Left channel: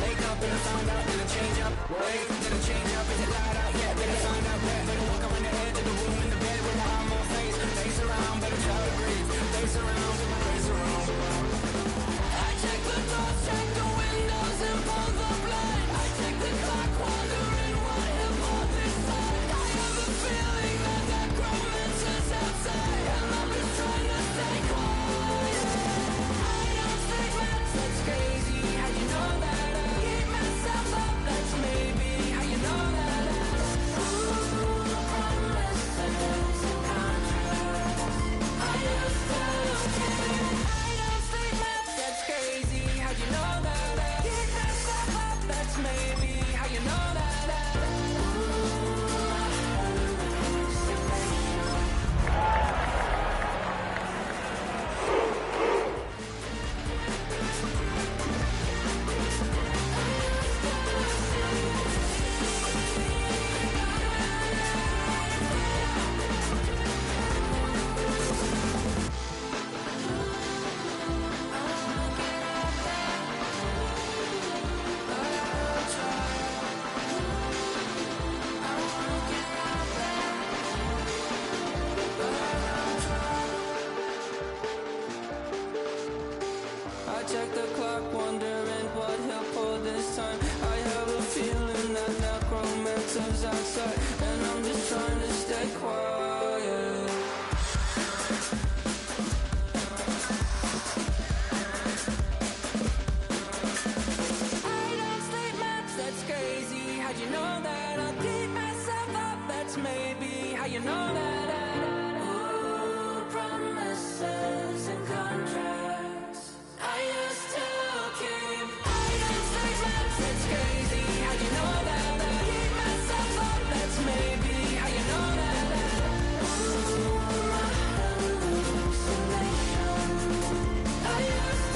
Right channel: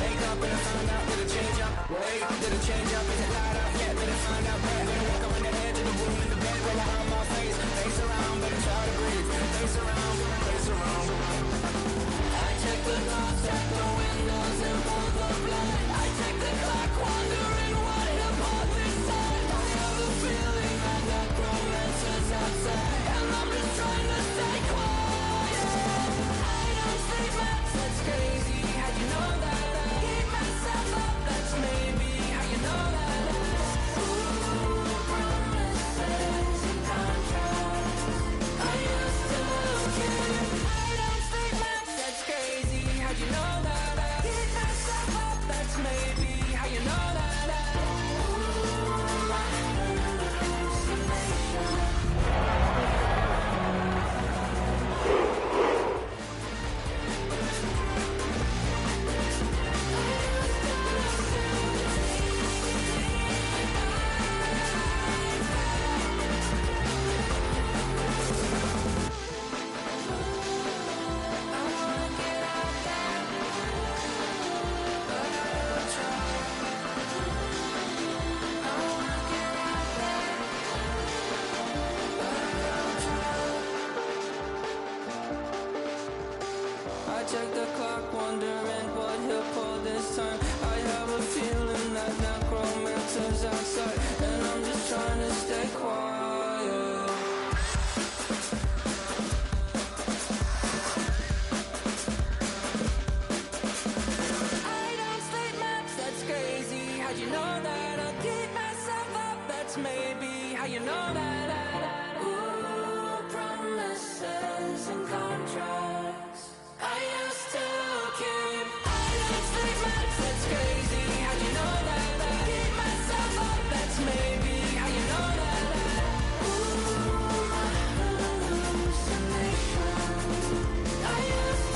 Wake up and I find out, did it change up? Wait, did it change up? Is it light out? Yeah, did it find out? Where? Better walk around the edge of the room in the bed with my arm on face around, better try to breathe. Face around, face around. I check the doors, check the windows and pull the blind. I check the clock, wondering what hit bought this time. I have a feeling that necromancer's outside, and I'm just trying to stay quiet. I don't sleep much, that's crazy. How you know that? I keep myself up, that's maybe how you know that. Ooh, promises and contracts. I used to keep. I don't sleep much, that's crazy. How you know that? I keep myself up, that's maybe how you know that. I check the clock, wondering what he'll pull this time. I have a feeling that necromancer's outside, and I'm just trying to stay quiet. I don't sleep much, that's crazy. How'd you know that? I'll keep myself up, that's maybe how you know that. Ooh, promises and contracts. I used to keep. I don't sleep much, that's crazy. How'd you know that? I keep myself up, that's maybe how you know that. Ooh, my hallucination. I used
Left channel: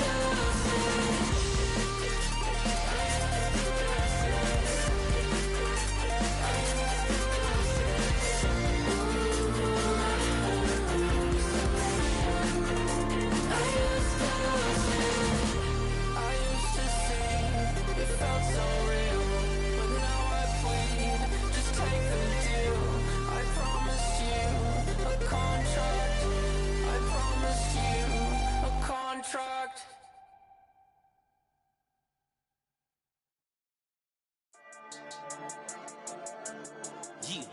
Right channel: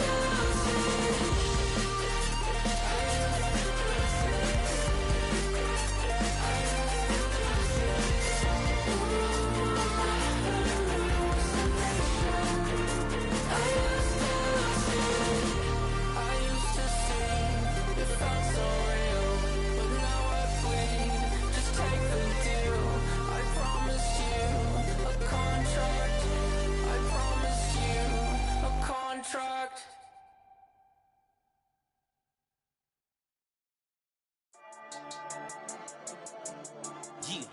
to see. It felt so real, but now I plead, just take the deal. I promised you a contract. I promised you a contract. Yeah.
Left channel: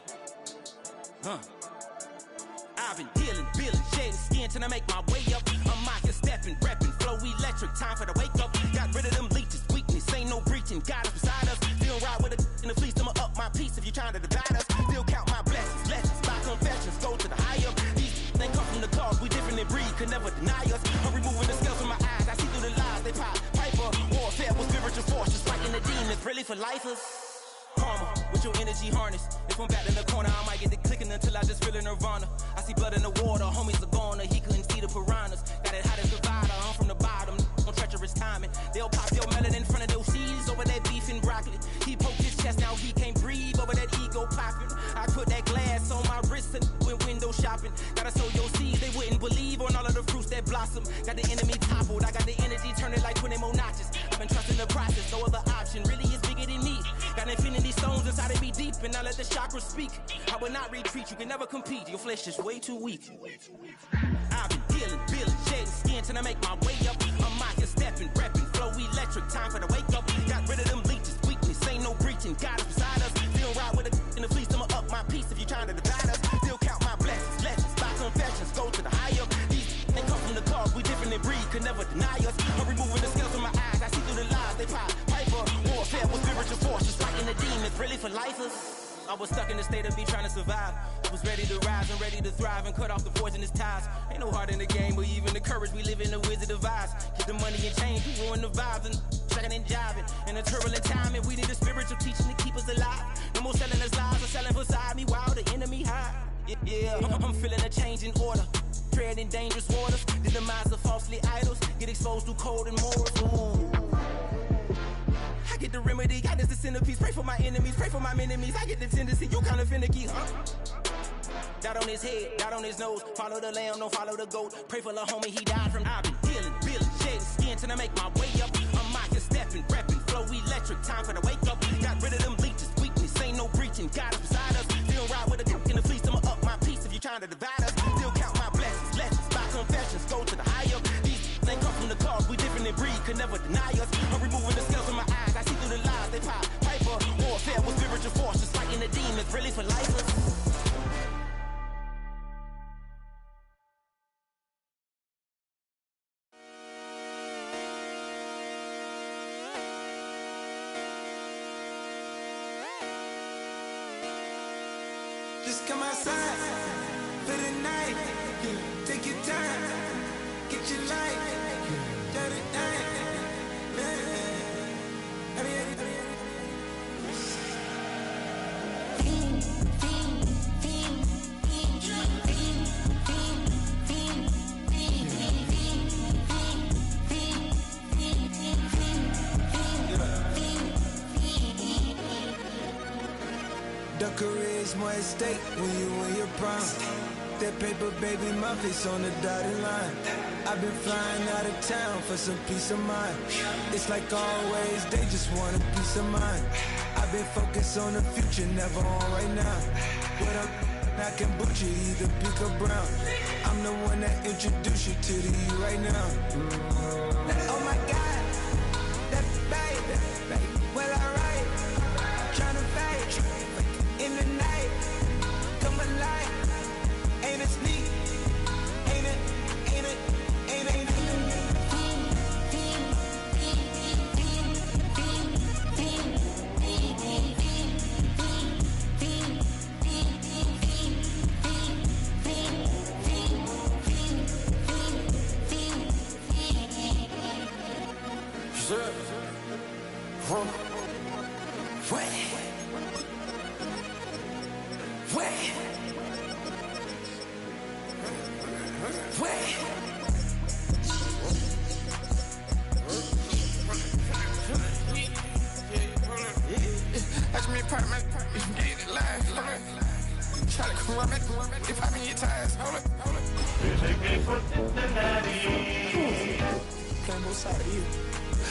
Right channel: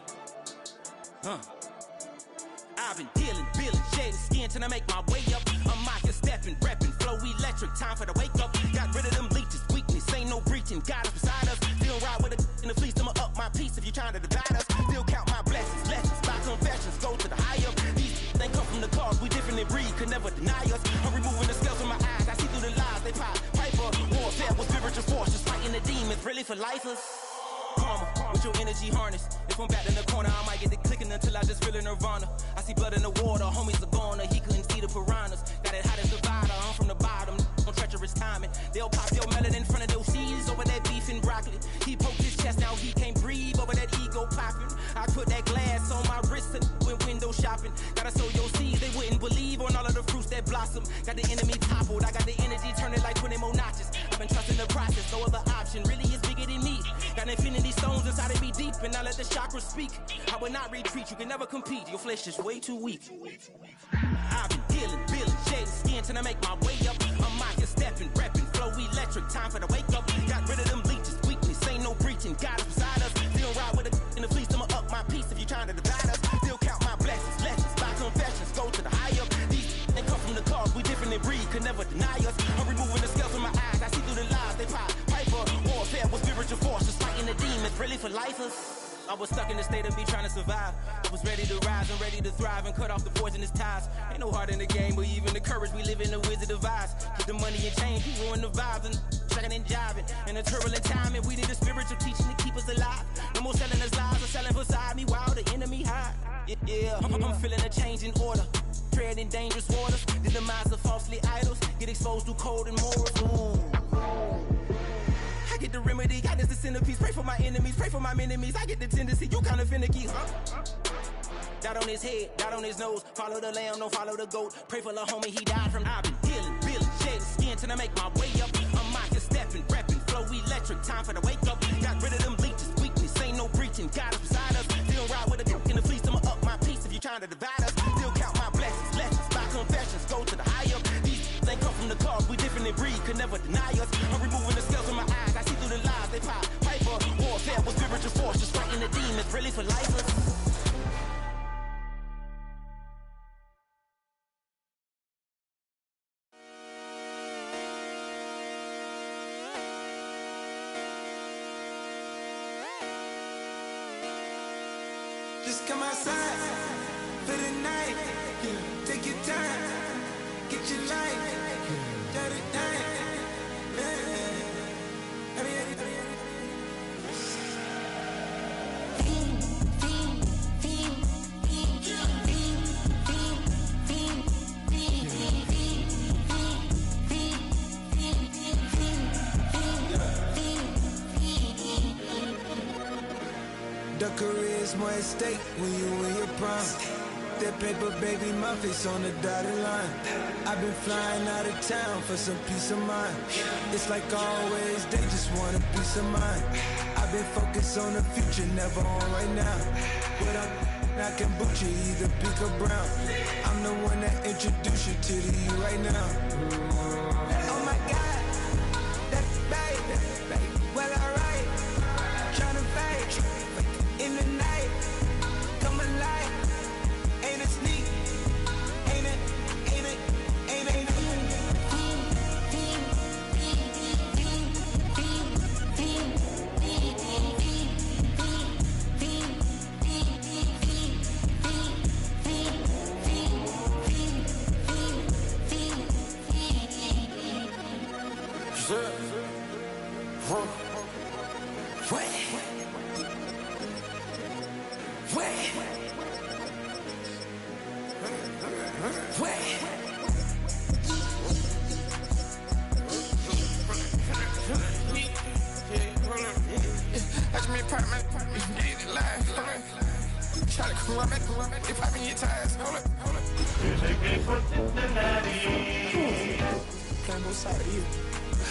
I've been dealing, shedding skin till I make my way up. I'm out here stepping, repping, flow electric, time for the wake up. Got rid of them leeches, weakness, ain't no breaching. God is beside us, still ride with a in the fleece. I'ma up my piece if you trying to divide us. Still count my blessings, lessons, my confessions, go to the higher. These ain't come from the cause, we different in breed, could never deny us. I'm removing the scales from my eyes, I see through the lies, they pop. Piper, warfare with spiritual force, just fighting the demons, really for lifers. Karma, with your energy harness. If I'm back in the corner, I might get it clicking until I just feel a nirvana. I see blood in the water, homies are gone, he couldn't see the piranhas. Got it hot as a vider, I'm from the bottom, on treacherous timing. They'll pop your melon in front of those seeds over that beef and broccoli. He poked his chest, now he can't breathe over that ego popping. I put that glass on my wrist and went window shopping. Gotta sow your seeds, they wouldn't believe on all of the fruits that blossom. Got the enemy toppled, I got the energy turning like 20 more notches. I've been trusting the process, no other option, really is bigger than me. Got infinity stones inside of me deep, and I let the chakras speak. I will not retreat, you can never compete, your flesh is way too weak. I've been dealing, shedding skin till I make my way up. I'm out here stepping, repping, flow electric, time for the wake up. Got rid of them leeches, weakness, ain't no breaching. God is beside us, still ride with a in the fleece. I'ma up my piece if you trying to divide us. Still count my blessings, lessons, my confessions, go to the higher. These ain't come from the cause, we different in breed, could never deny us. I'm removing the scales from my eyes, I see through the lies, they pop. Piper, warfare with spiritual force, just fighting the demons, really for lifers. I was stuck in the state of me trying to survive. I was ready to rise and ready to thrive and cut off the poisonous ties. Ain't no heart in the game, but even the courage we live in the wizard of Oz. Get the money and change, we ruin the vibes and checking and jiving. In a turbulent time, and we need a spiritual teaching to keep us alive. No more selling us lies or selling beside me while the enemy hide. Yeah, I'm feeling a change in order. Treading dangerous waters, the demise of falsely idols. Get exposed through cold and morals. Ooh. I get the remedy, God is the centerpiece. Pray for my enemies, pray for my enemies. I get the tendency, you kinda finicky, huh? Dot on his head, dot on his nose. Follow the lamb, don't follow the goat. Pray for the homie, he died from. I've been dealing, shedding skin till till I make my way up. I'm mocking, stepping, repping, flow electric, time for the wake up. Got rid of them leeches, weakness, ain't no breaching, God is beside us. Still ride with a cook in the fleece, I'ma up my piece if you trying to divide us. Still count my blessings, lessons, by confessions, go to the higher. These ain't come from the cars, we different in breed, could never deny us. I'm removing the scales from my eyes, I see through the lies, they pop. Piper, warfare with spiritual force, just fighting the demons, really for life. Just come outside for the night. Take your time, get your life. Dirty night. The career's more at stake when you in your prime. That paper, baby, my face on the dotted line. I've been flying out of town for some peace of mind. It's like always, they just want a peace of mind. I've been focused on the future, never on right now. But I can boot you either pink or brown. I'm the one that introduced you to the you right now. Oh my God, that baby, well alright. Tryna fight in the night, come alive. Ain't it sneak? Ain't it? Ain't it? Ain't it? Ain't it? Playing both sides of you.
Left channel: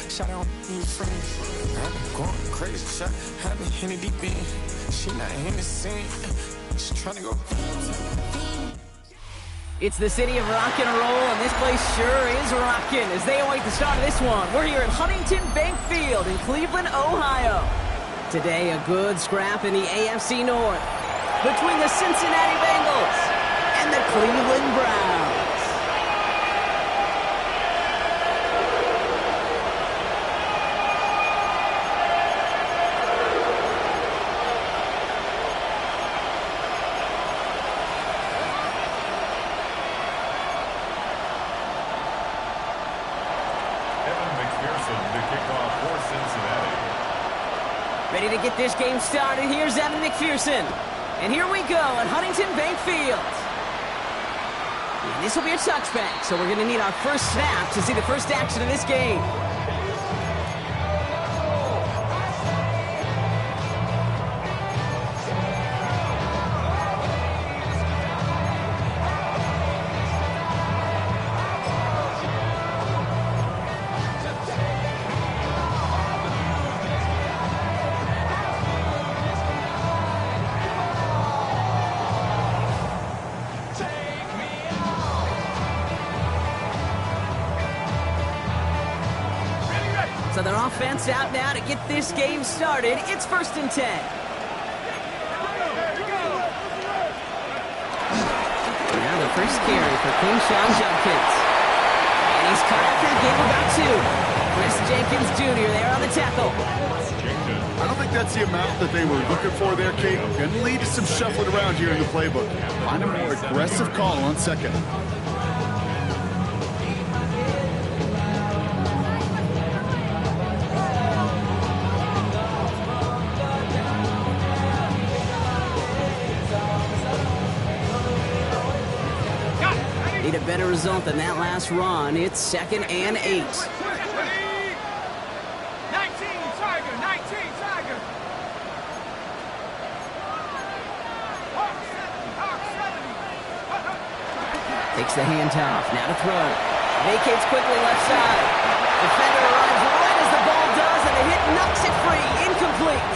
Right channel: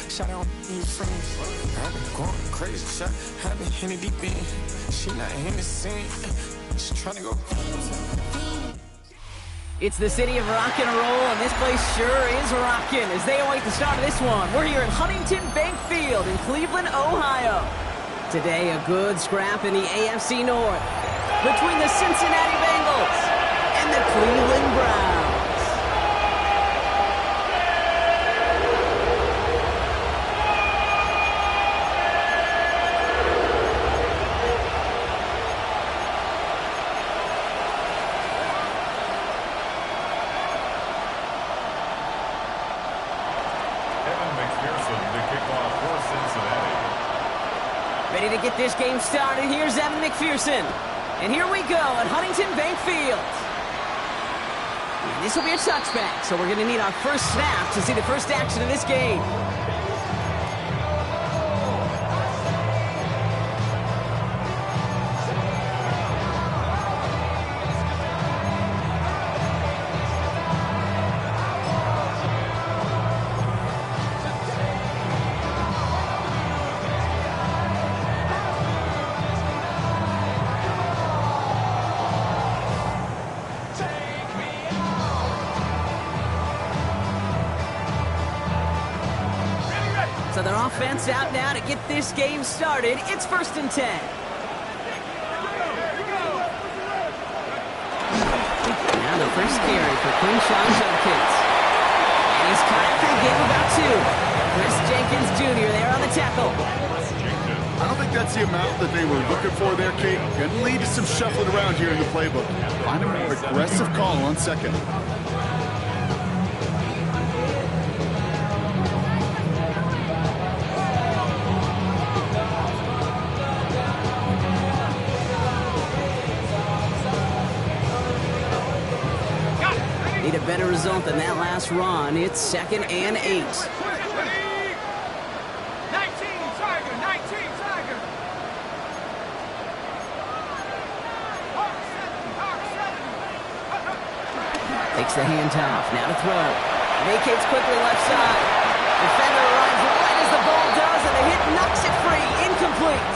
Shout out you friends. I've been going crazy. Shot, I've been in the deep end. She not in the scene. She trying to go. It's the city of rock and roll, and this place sure is rocking as they await the start of this one. We're here at Huntington Bank Field in Cleveland, Ohio. Today, a good scrap in the AFC North between the Cincinnati Bengals and the Cleveland Browns. Ready to get this game started. Here's Evan McPherson. And here we go at Huntington Bank Field. And this will be a touchback, so we're going to need our first snap to see the first action of this game. So their offense out now to get this game started. It's 1st and 10. Now the first carry for Quinshon Judkins. And he's caught after a game about 2. Chris Jenkins Jr. there on the tackle. I don't think that's the amount that they were looking for there, Kate. Going to lead to some shuffling around here in the playbook. Find a more aggressive call on second. Need a better result than that last run. It's 2nd and 8. 19 Tiger, 19 Tiger. Hawk 70. Takes the handoff, now to throw. Vacates quickly left side. Defender arrives right as the ball does, and the hit knocks it free. Incomplete.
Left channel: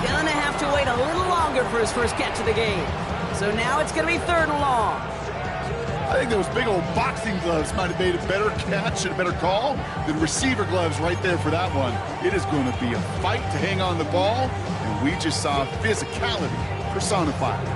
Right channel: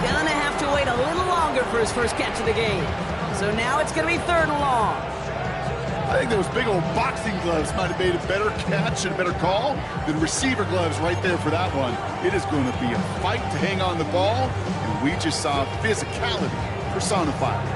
Gonna have to wait a little longer for his first catch of the game. So now it's gonna be 3rd and long. I think those big old boxing gloves might have made a better catch and a better call than receiver gloves right there for that one. It is going to be a fight to hang on the ball, and we just saw physicality personified.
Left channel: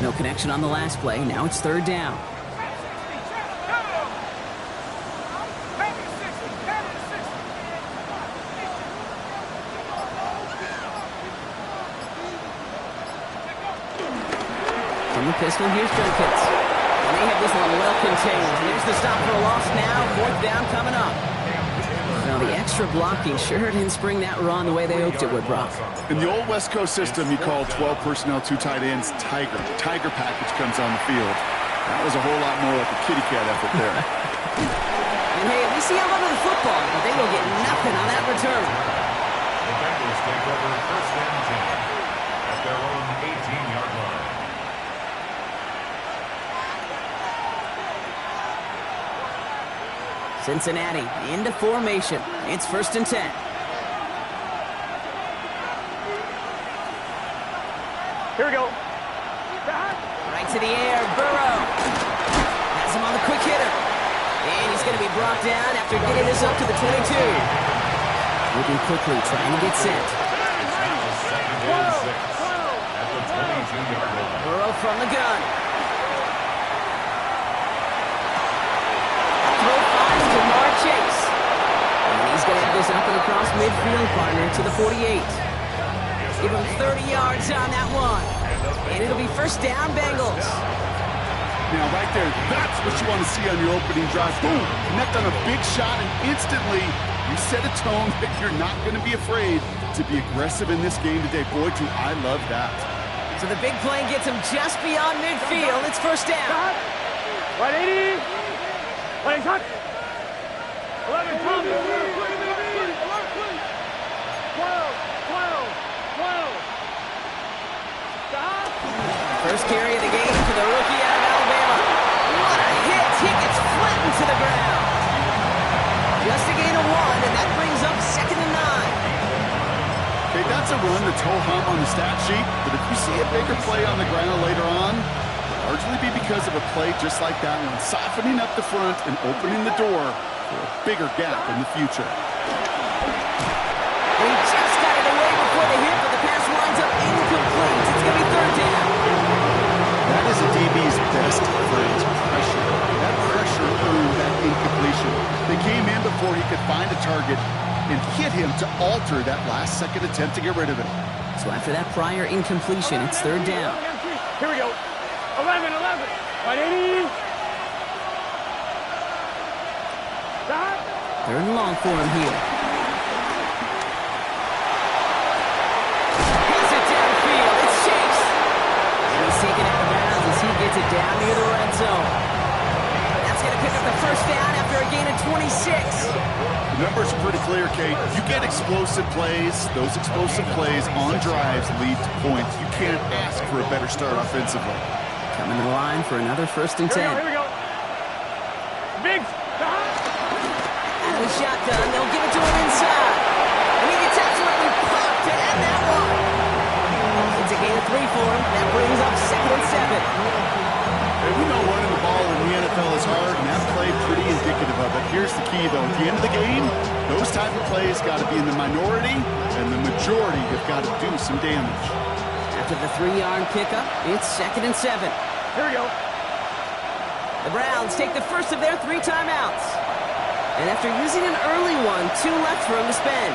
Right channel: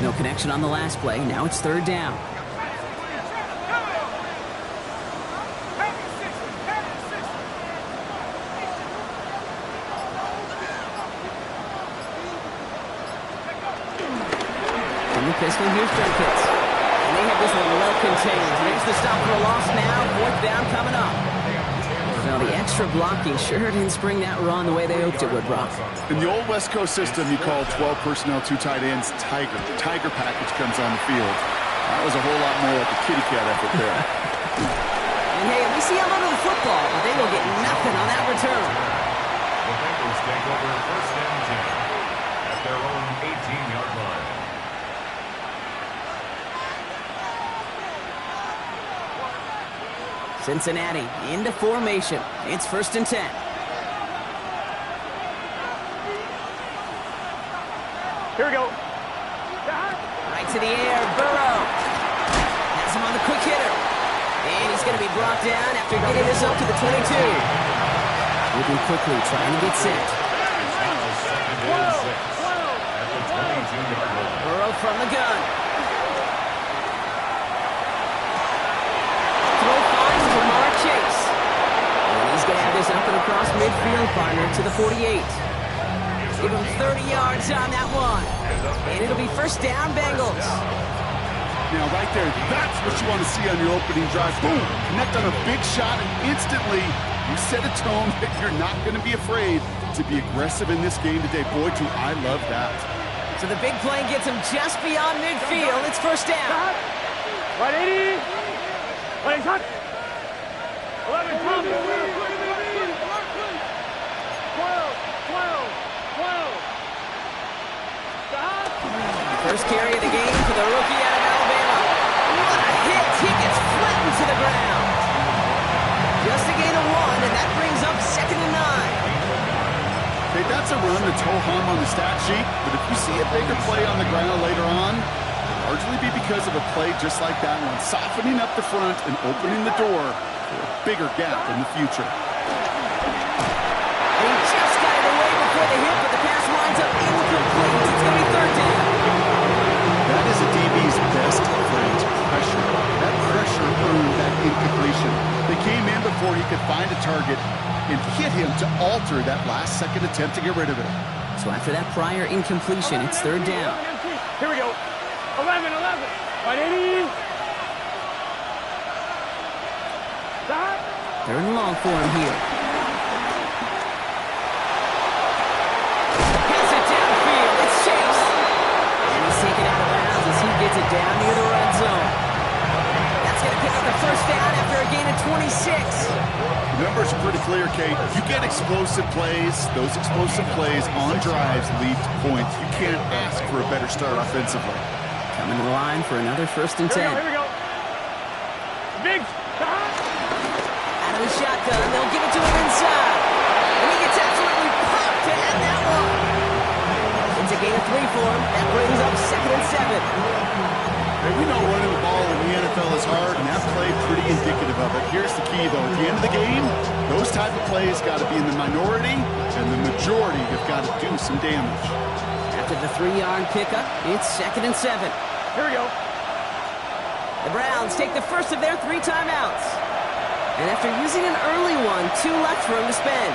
No connection on the last play. Now it's 3rd down. From the pistol, here's Jenkins. And they have this one well contained. There's the stop for a loss now. 4th down coming up. Well, the extra blocking sure didn't spring that run the way they hoped it would, Brock. In the old West Coast system, you call 12 personnel, 2 tight ends, Tiger. The Tiger package comes on the field. That was a whole lot more like a kitty cat effort there. And hey, at least he held onto the football, but they will get nothing on that return. The Bengals take over 1st and 10 at their own 18-yard line. Cincinnati into formation. It's 1st and 10. Here we go. Right to the air, Burrow. Has him on the quick hitter. And he's going to be brought down after getting this up to the 22. Moving quickly, trying to get set. It's now 2nd and 6 at the 22-yard line. Burrow from the gun. Throw finds Jamar Chase. And he's going to have this up and across midfield, partner, to the 48. Give him 30 yards on that one. And it'll be 1st down, Bengals. Now, right there, that's what you want to see on your opening drive. Boom! Connect on a big shot, and instantly you set a tone that you're not going to be afraid to be aggressive in this game today. Boy, do I love that. So the big play gets him just beyond midfield. It's 1st down. 180. Playing hot. 11, Tom. 12. First carry of the game for the rookie out of Alabama. What a hit! He gets flattened to the ground. Just a gain of 1, and that brings up 2nd and 9. Okay, that's a run that's ho-hum on the stat sheet, but if you see a bigger play on the ground later on, it'll largely be because of a play just like that one, softening up the front and opening the door for a bigger gap in the future. And he just got it away before the hit, but the pass winds up incomplete. It's going to be 3rd down. That is a DB's best friend, pressure. That pressure earned that incompletion. They came in before he could find a target and hit him to alter that last-second attempt to get rid of it. So after that prior incompletion, it's 3rd down. Here we go. 11. 180. 3rd and long for him here. Hits it downfield. It's Chase. And he's taken out of bounds as he gets it down near the red zone. That's going to pick up the 1st down after a gain of 26. The numbers are pretty clear, Kate. You get explosive plays. Those explosive plays on drives lead to points. You can't ask for a better start offensively. Coming to the line for another 1st and 10. Here we go. Big. Out of Out of the shotgun, they'll give it to him inside. And he gets absolutely popped to end that one. It's a gain of 3 for him. That brings up 2nd and 7. Hey, we know running the ball in the NFL is hard, and that play pretty indicative of it. Here's the key, though. At the end of the game, those type of plays got to be in the minority, and the majority have got to do some damage. After the 3-yard pickup, it's 2nd and 7. Here we go. The Browns take the first of their 3 timeouts. And after using an early one, 2 left for him to spend.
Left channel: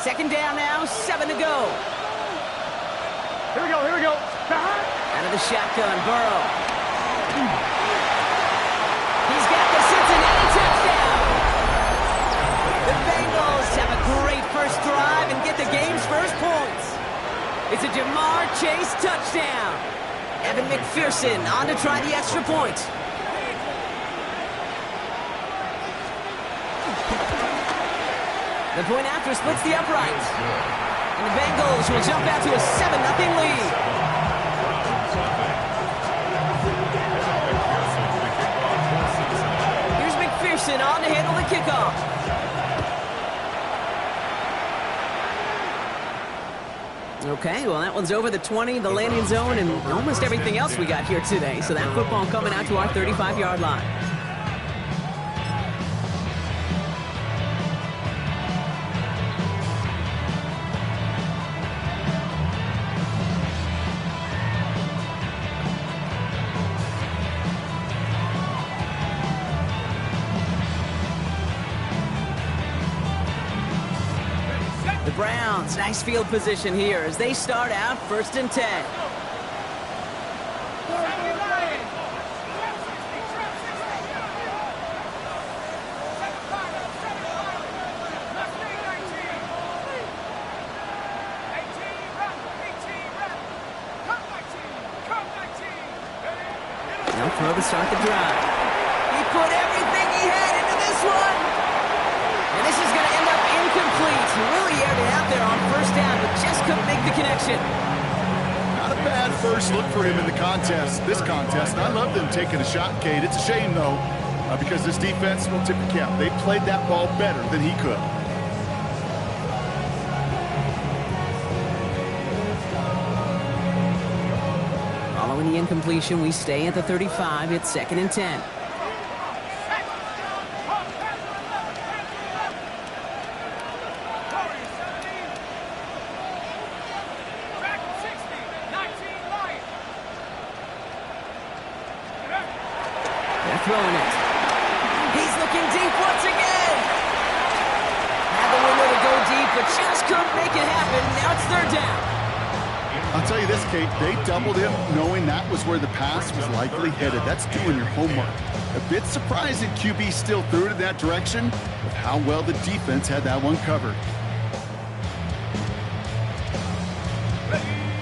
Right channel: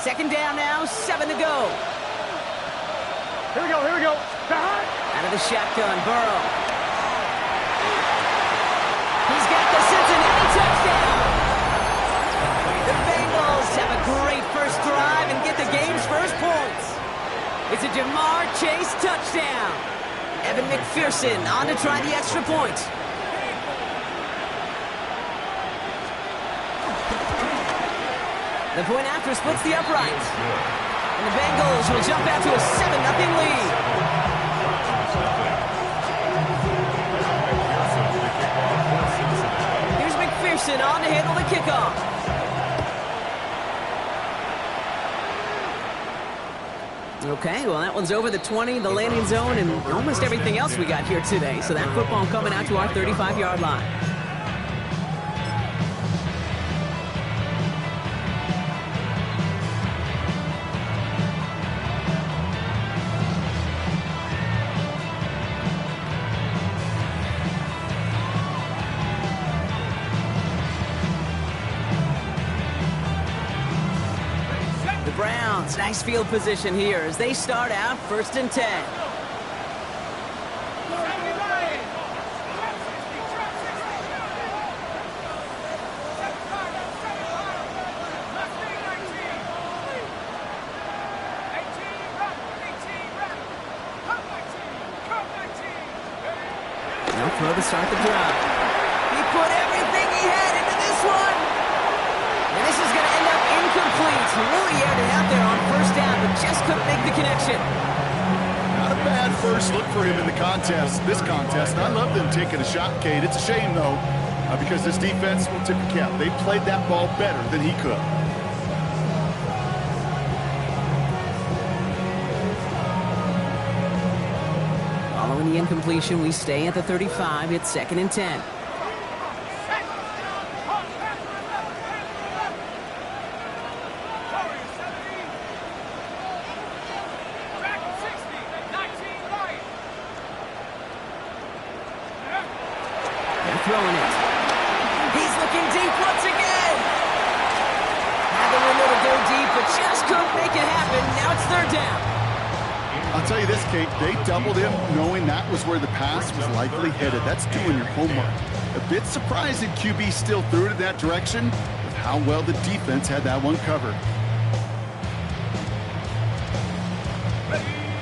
Second down now, 7 to go. Here we go, here we go. Out of the shotgun, Burrow. He's got the Cincinnati touchdown. The Bengals have a great first drive and get the game's first points. It's a Jamar Chase touchdown. Evan McPherson on to try the extra point. The point after splits the uprights. And the Bengals will jump out to a 7-0 lead. Here's McPherson on to handle the kickoff. Okay, well, that one's over the 20, the landing zone, and almost everything else we got here today. So that football coming out to our 35-yard line. Browns, nice field position here as they start out 1st and 10. Now throw to start the drive. He put everything he had into this one. And this is going to end up incomplete. He really aired it out there on 1st down, but just couldn't make the connection. Not a bad first look for him in the this contest. And I love them taking a shot, Kate. It's a shame, though, because this defense will tip your cap. They played that ball better than he could. Following the incompletion, we stay at the 35. It's 2nd and 10. Throwing it. He's looking deep once again. Had the window to go deep, but just couldn't make it happen. Now it's 3rd down. I'll tell you this, Kate. They doubled him knowing that was where the pass was likely headed. That's doing your homework. A bit surprising QB still threw it in that direction with how well the defense had that one covered.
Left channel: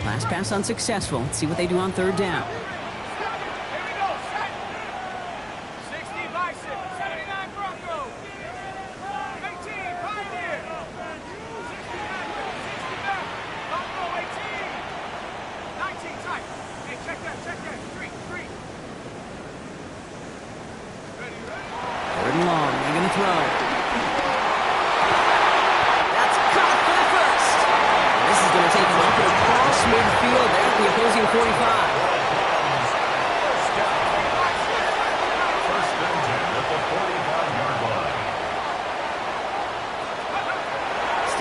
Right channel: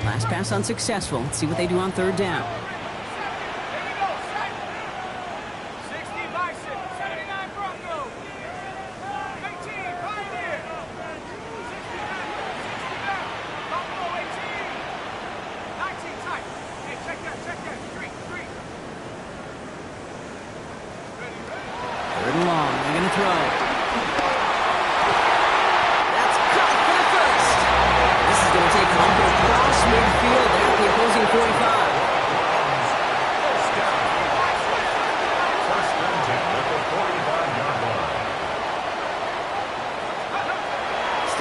Last pass unsuccessful. Let's see what they do on 3rd down.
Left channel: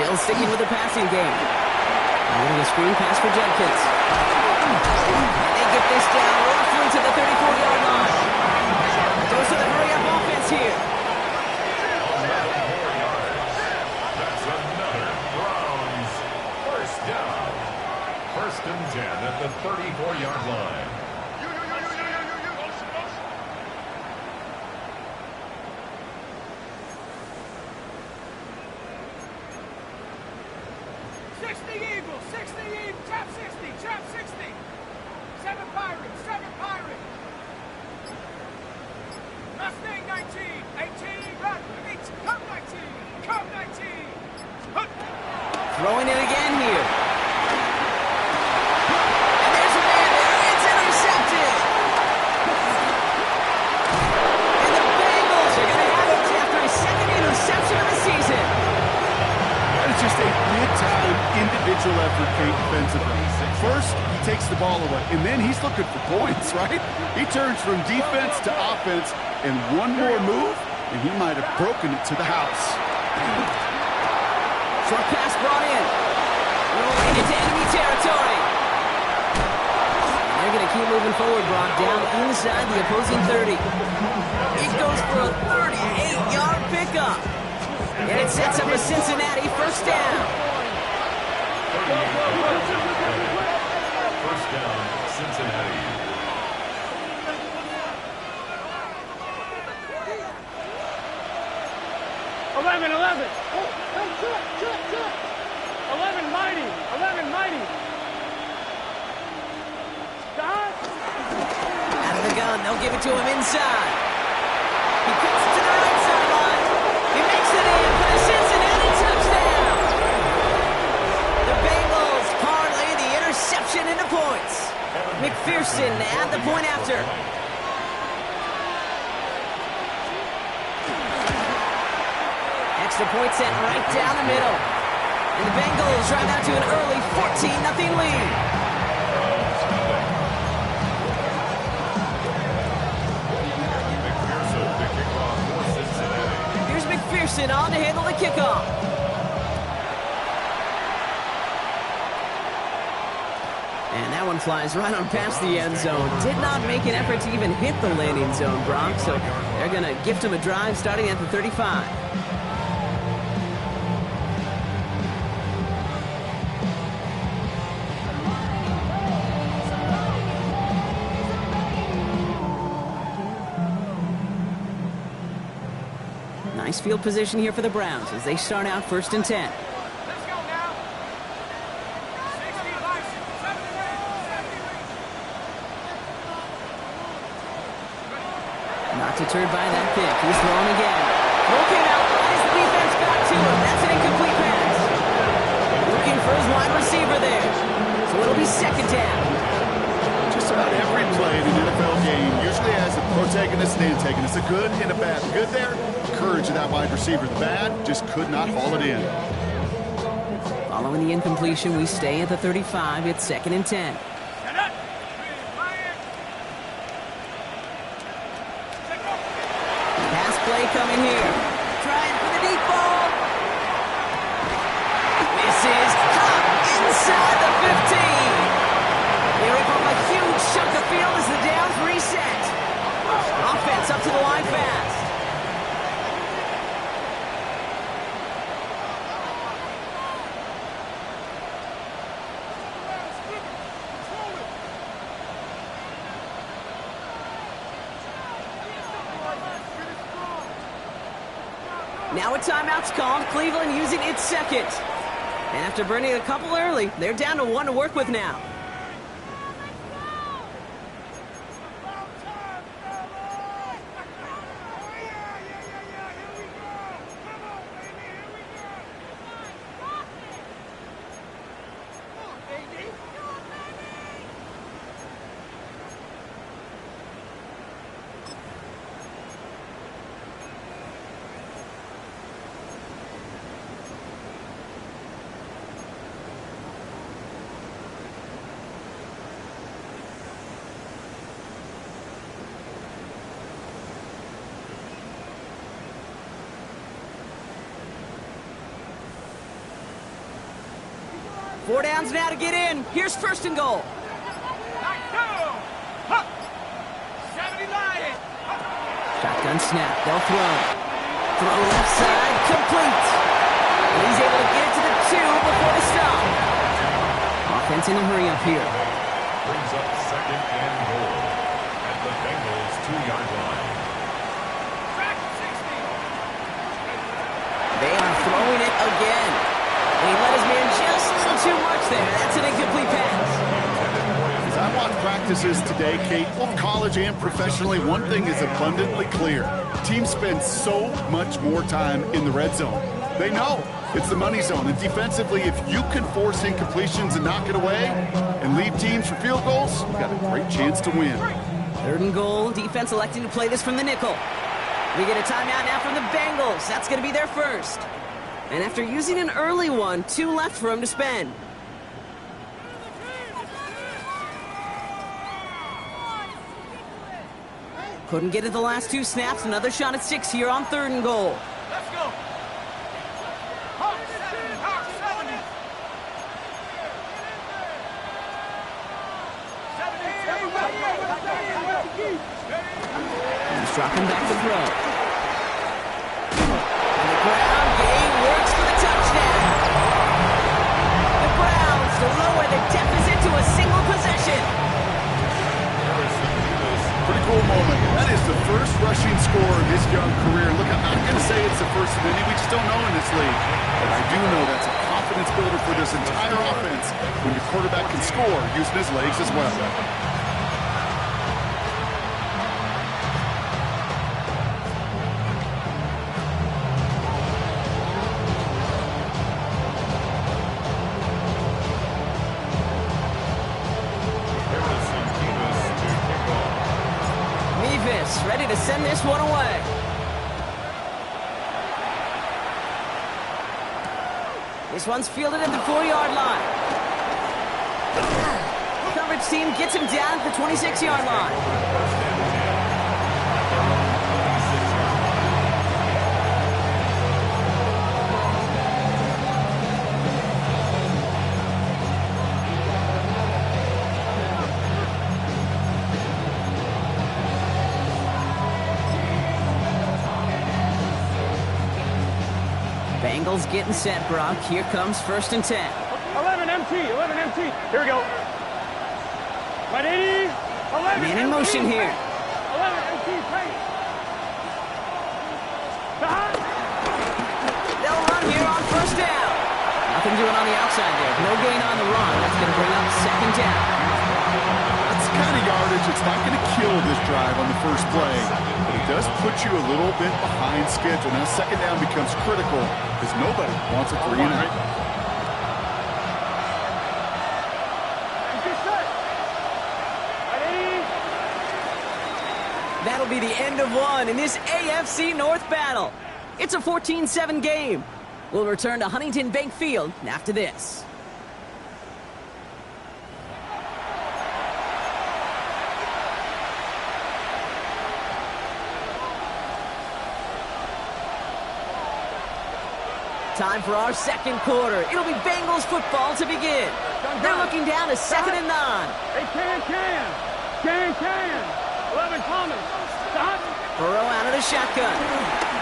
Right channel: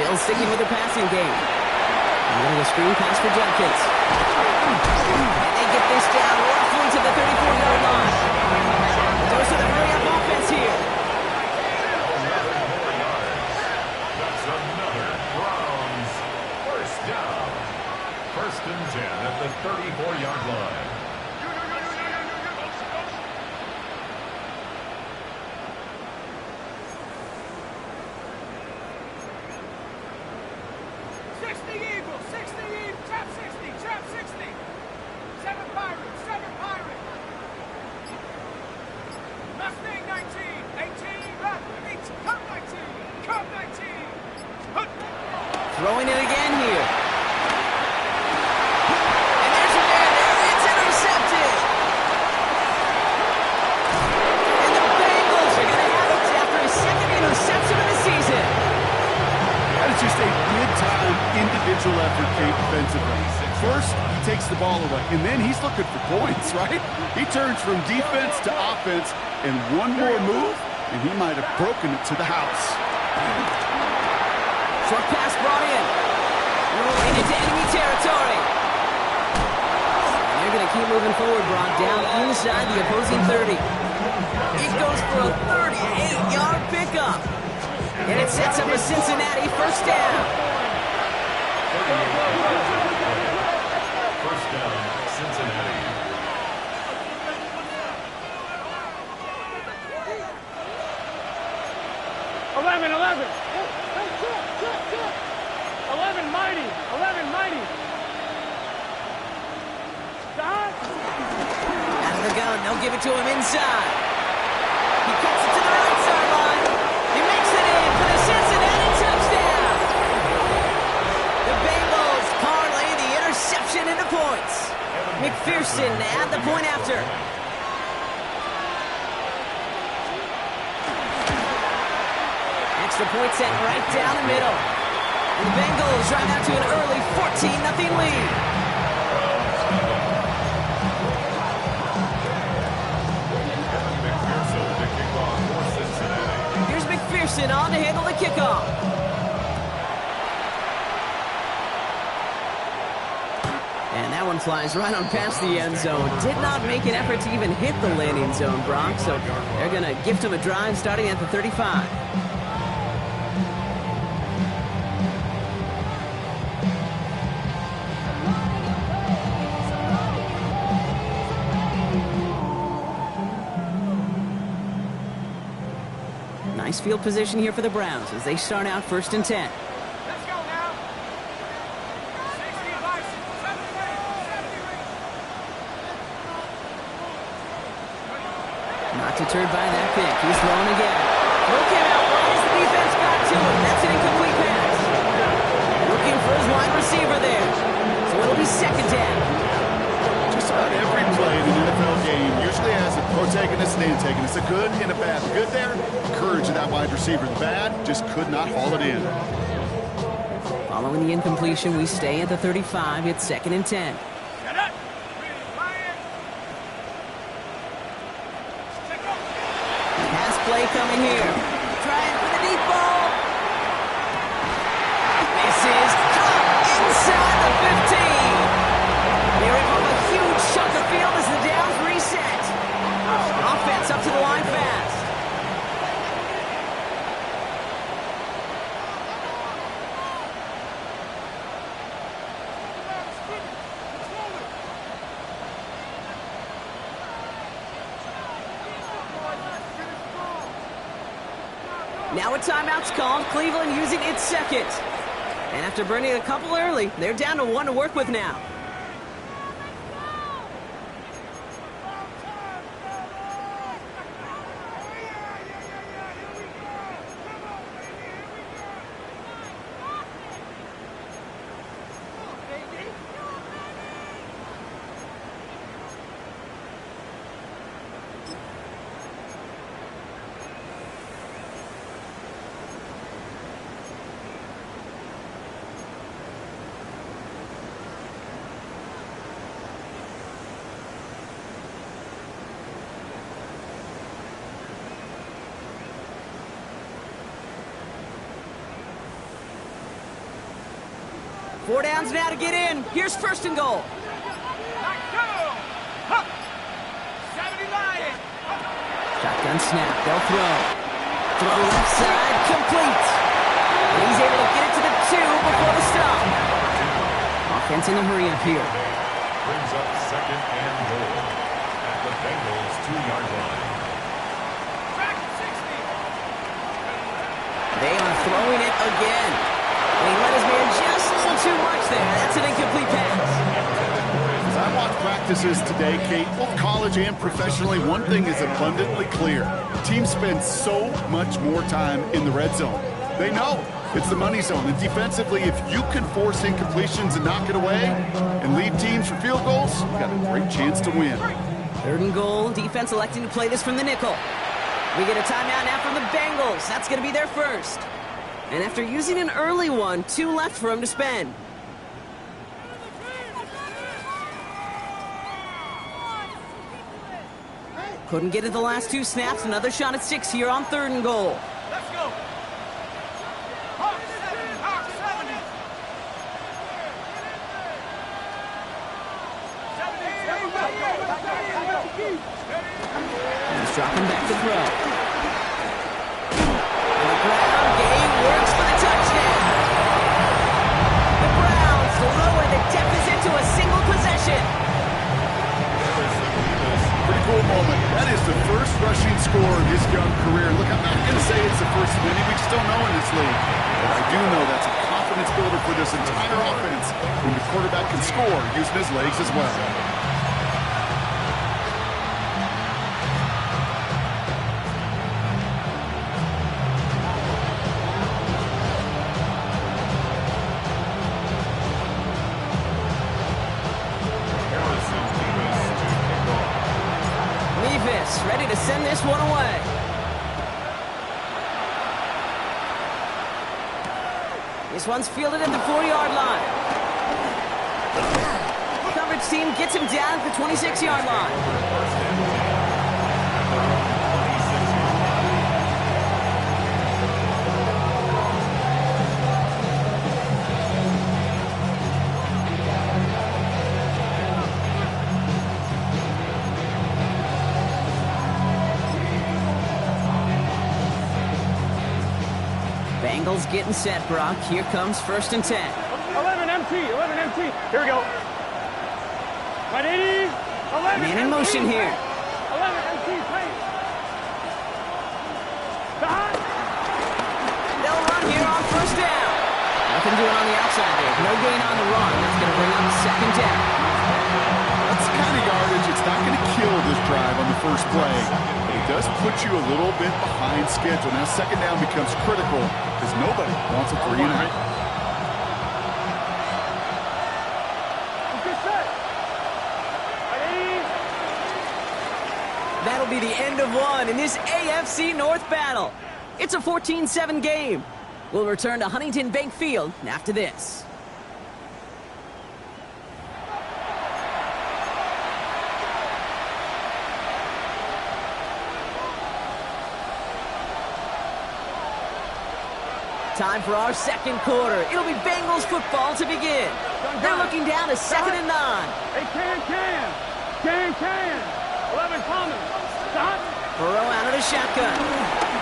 Still sticking with the passing game. Getting a screen pass for Judkins. And they get this down roughly to the 34-yard line. The dose of the hurry-up offense here. Another 4 yards. That's another Browns 1st down. 1st and 10 at the 34-yard line. Throwing it again here. First, he takes the ball away, and then he's looking for points, right? He turns from defense to offense, and one more move, and he might have broken it to the house. Short pass brought in. Rolling into enemy territory. And they're going to keep moving forward, Brock, down inside the opposing 30. It goes for a 38-yard pickup. And it sets up a Cincinnati first down. First down, Cincinnati. 11. 11 mighty. 11 mighty. Stop. Out of the gun, they'll give it to him inside. He cuts it to the right sideline. He makes it in for the Cincinnati touchdown. The Bengals parlay the interception into points. McPherson at the point after. Extra point set right down the middle. And the Bengals drive out to an early 14-0 lead. McPherson to kick off for Cincinnati. Here's McPherson on to handle the kickoff. And that one flies right on past the end zone. Did not make an effort to even hit the landing zone, Brock. So they're going to gift him a drive starting at the 35. Nice field position here for the Browns as they start out 1st and 10. Let's go now. 65, 70. Not deterred by that pick. He's throwing again. Throw came out right as the defense got to him. That's an incomplete pass. Looking for his wide receiver there. So it'll be 2nd down. Just about every play in an NFL game usually has a protagonist and antagonist, a good and a bad. The good there, courage of that wide receiver. The bad, just could not haul it in. Following the incompletion, we stay at the 35. It's 2nd and 10. Shut up. Pass play coming here. Trying for the deep ball. Misses. Caught inside the 15. They rip off a huge chunk of field as the downs reset. Offense up to the line fast. Now a timeout's called. Cleveland using its 2nd. And after burning a couple early, they're down to 1 to work with now. Four downs now to get in. Here's 1st and goal. Shotgun snap. They'll throw. Throw left side. Complete. And he's able to get it to the 2 before the stop. Offense in a hurry up here. Brings up 2nd and goal at the Bengals 2-yard line. They are throwing it again. And he let his man just a little too much there. That's an incomplete pass. As I watch practices today, Kate, both college and professionally, one thing is abundantly clear. Teams spend so much more time in the red zone. They know it's the money zone. And defensively, if you can force incompletions and knock it away and lead teams for field goals, you've got a great chance to win. 3rd and goal. Defense electing to play this from the nickel. We get a timeout now from the Bengals. That's going to be their first. And after using an early one, 2 left for him to spend. Couldn't get it the last 2 snaps. Another shot at 6 here on 3rd and goal. Let's go. Hawk 7, Hawk 70. He's dropping back to throw. And the ground game works for the touchdown. The Browns lower the deficit to a single possession. Pretty cool moment. That is the first rushing score of his young career. Look, I'm not going to say it's the first of many. We just don't know in this league. But I do know that's a confidence builder for this entire offense when the quarterback can score using his legs as well. Ready to send this one away. This one's fielded at the 4-yard line. Coverage team gets him down at the 26-yard line. Bengals getting set, Brock. Here comes 1st and 10. 11 MT, 11 MT. Here we go. 180, 11 Man in MT. motion here. 11 MT, paint. They'll run here on 1st down. Nothing doing on the outside there. No gain on the run. That's going to bring up 2nd down. That's the kind of yardage. It's not going to kill this drive on the first play. But it does put you a little bit behind schedule. Now 2nd down becomes critical because nobody wants a 3 and out. That'll be the end of one in this AFC North battle. It's a 14-7 game. We'll return to Huntington Bank Field after this. Time for our 2nd quarter. It'll be Bengals football to begin. They're looking down to 2nd and 9. Hey, can. 11 Common. Stop. Burrow out of the shotgun.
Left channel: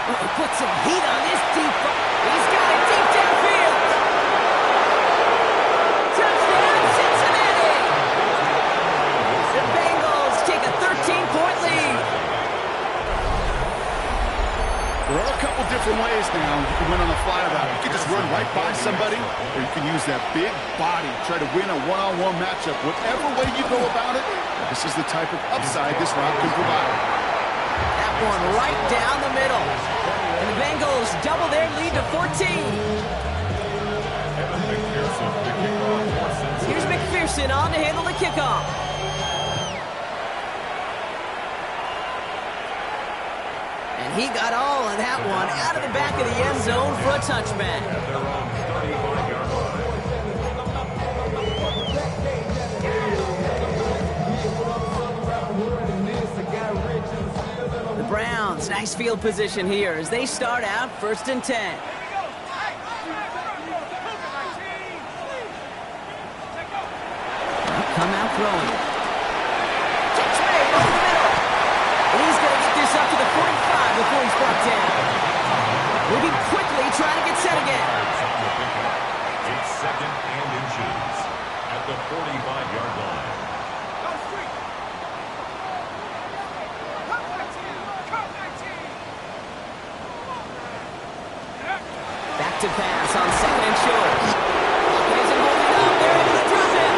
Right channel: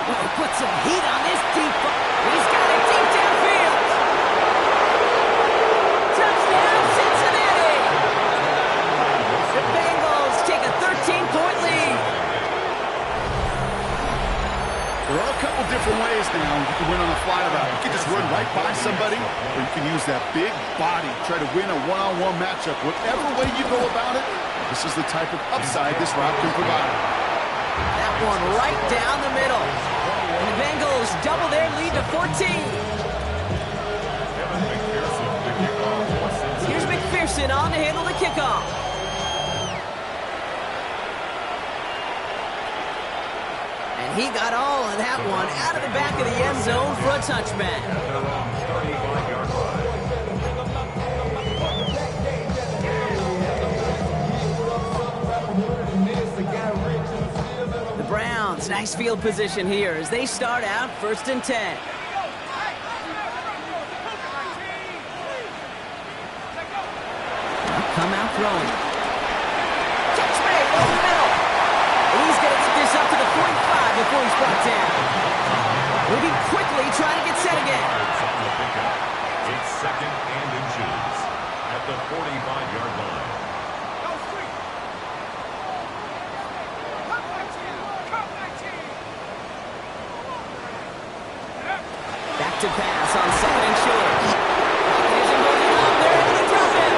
Oh, put some heat on this deep ball. He's got it deep downfield. Touchdown, Cincinnati. The Bengals take a 13-point lead. There are a couple different ways now you can win on the fly route. You can just run right by somebody, or you can use that big body, try to win a one-on-one matchup. Whatever way you go about it, this is the type of upside this route can provide. That one right down the middle. And the Bengals double their lead to 14. Here's McPherson on to handle the kickoff. And he got all of that one out of the back of the end zone for a touchback. The Browns, nice field position here as they start out 1st and 10. Come out throwing. Catch made over the middle. And he's going to get this up to the 45 before he's brought down. Moving quickly, trying to get set again. It's 2nd and inches at the 45-yard line. Back to pass on 2nd and short. Pocket isn't holding up. They're able to drop him.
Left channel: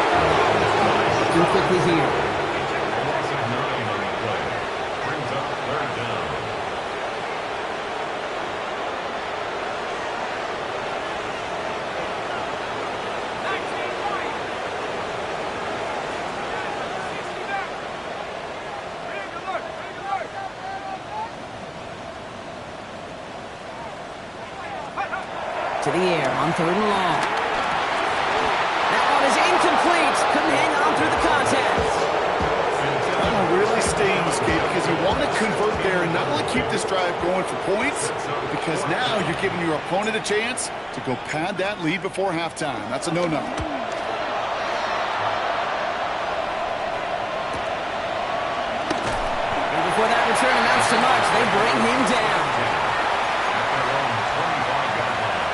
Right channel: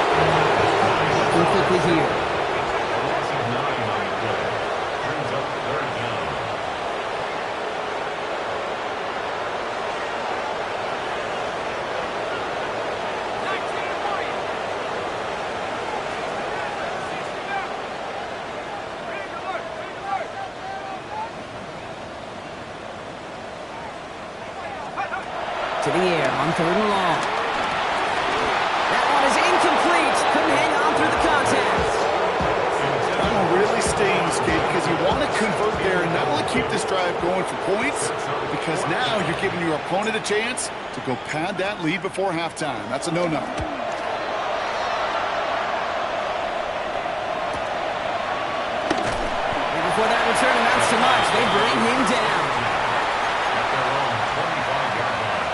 Looking quickly here. A loss of 9 on the play. Brings up 3rd down. To the air on 3rd and long. That one is incomplete. Couldn't hang on through the contest. That one really stings, Kate, because you want to convert there and not only keep this drive going for points, because now you're giving your opponent a chance to go pad that lead before halftime. That's a no-no. Before that return amounts to much, they bring him down. At their own 25-yard line.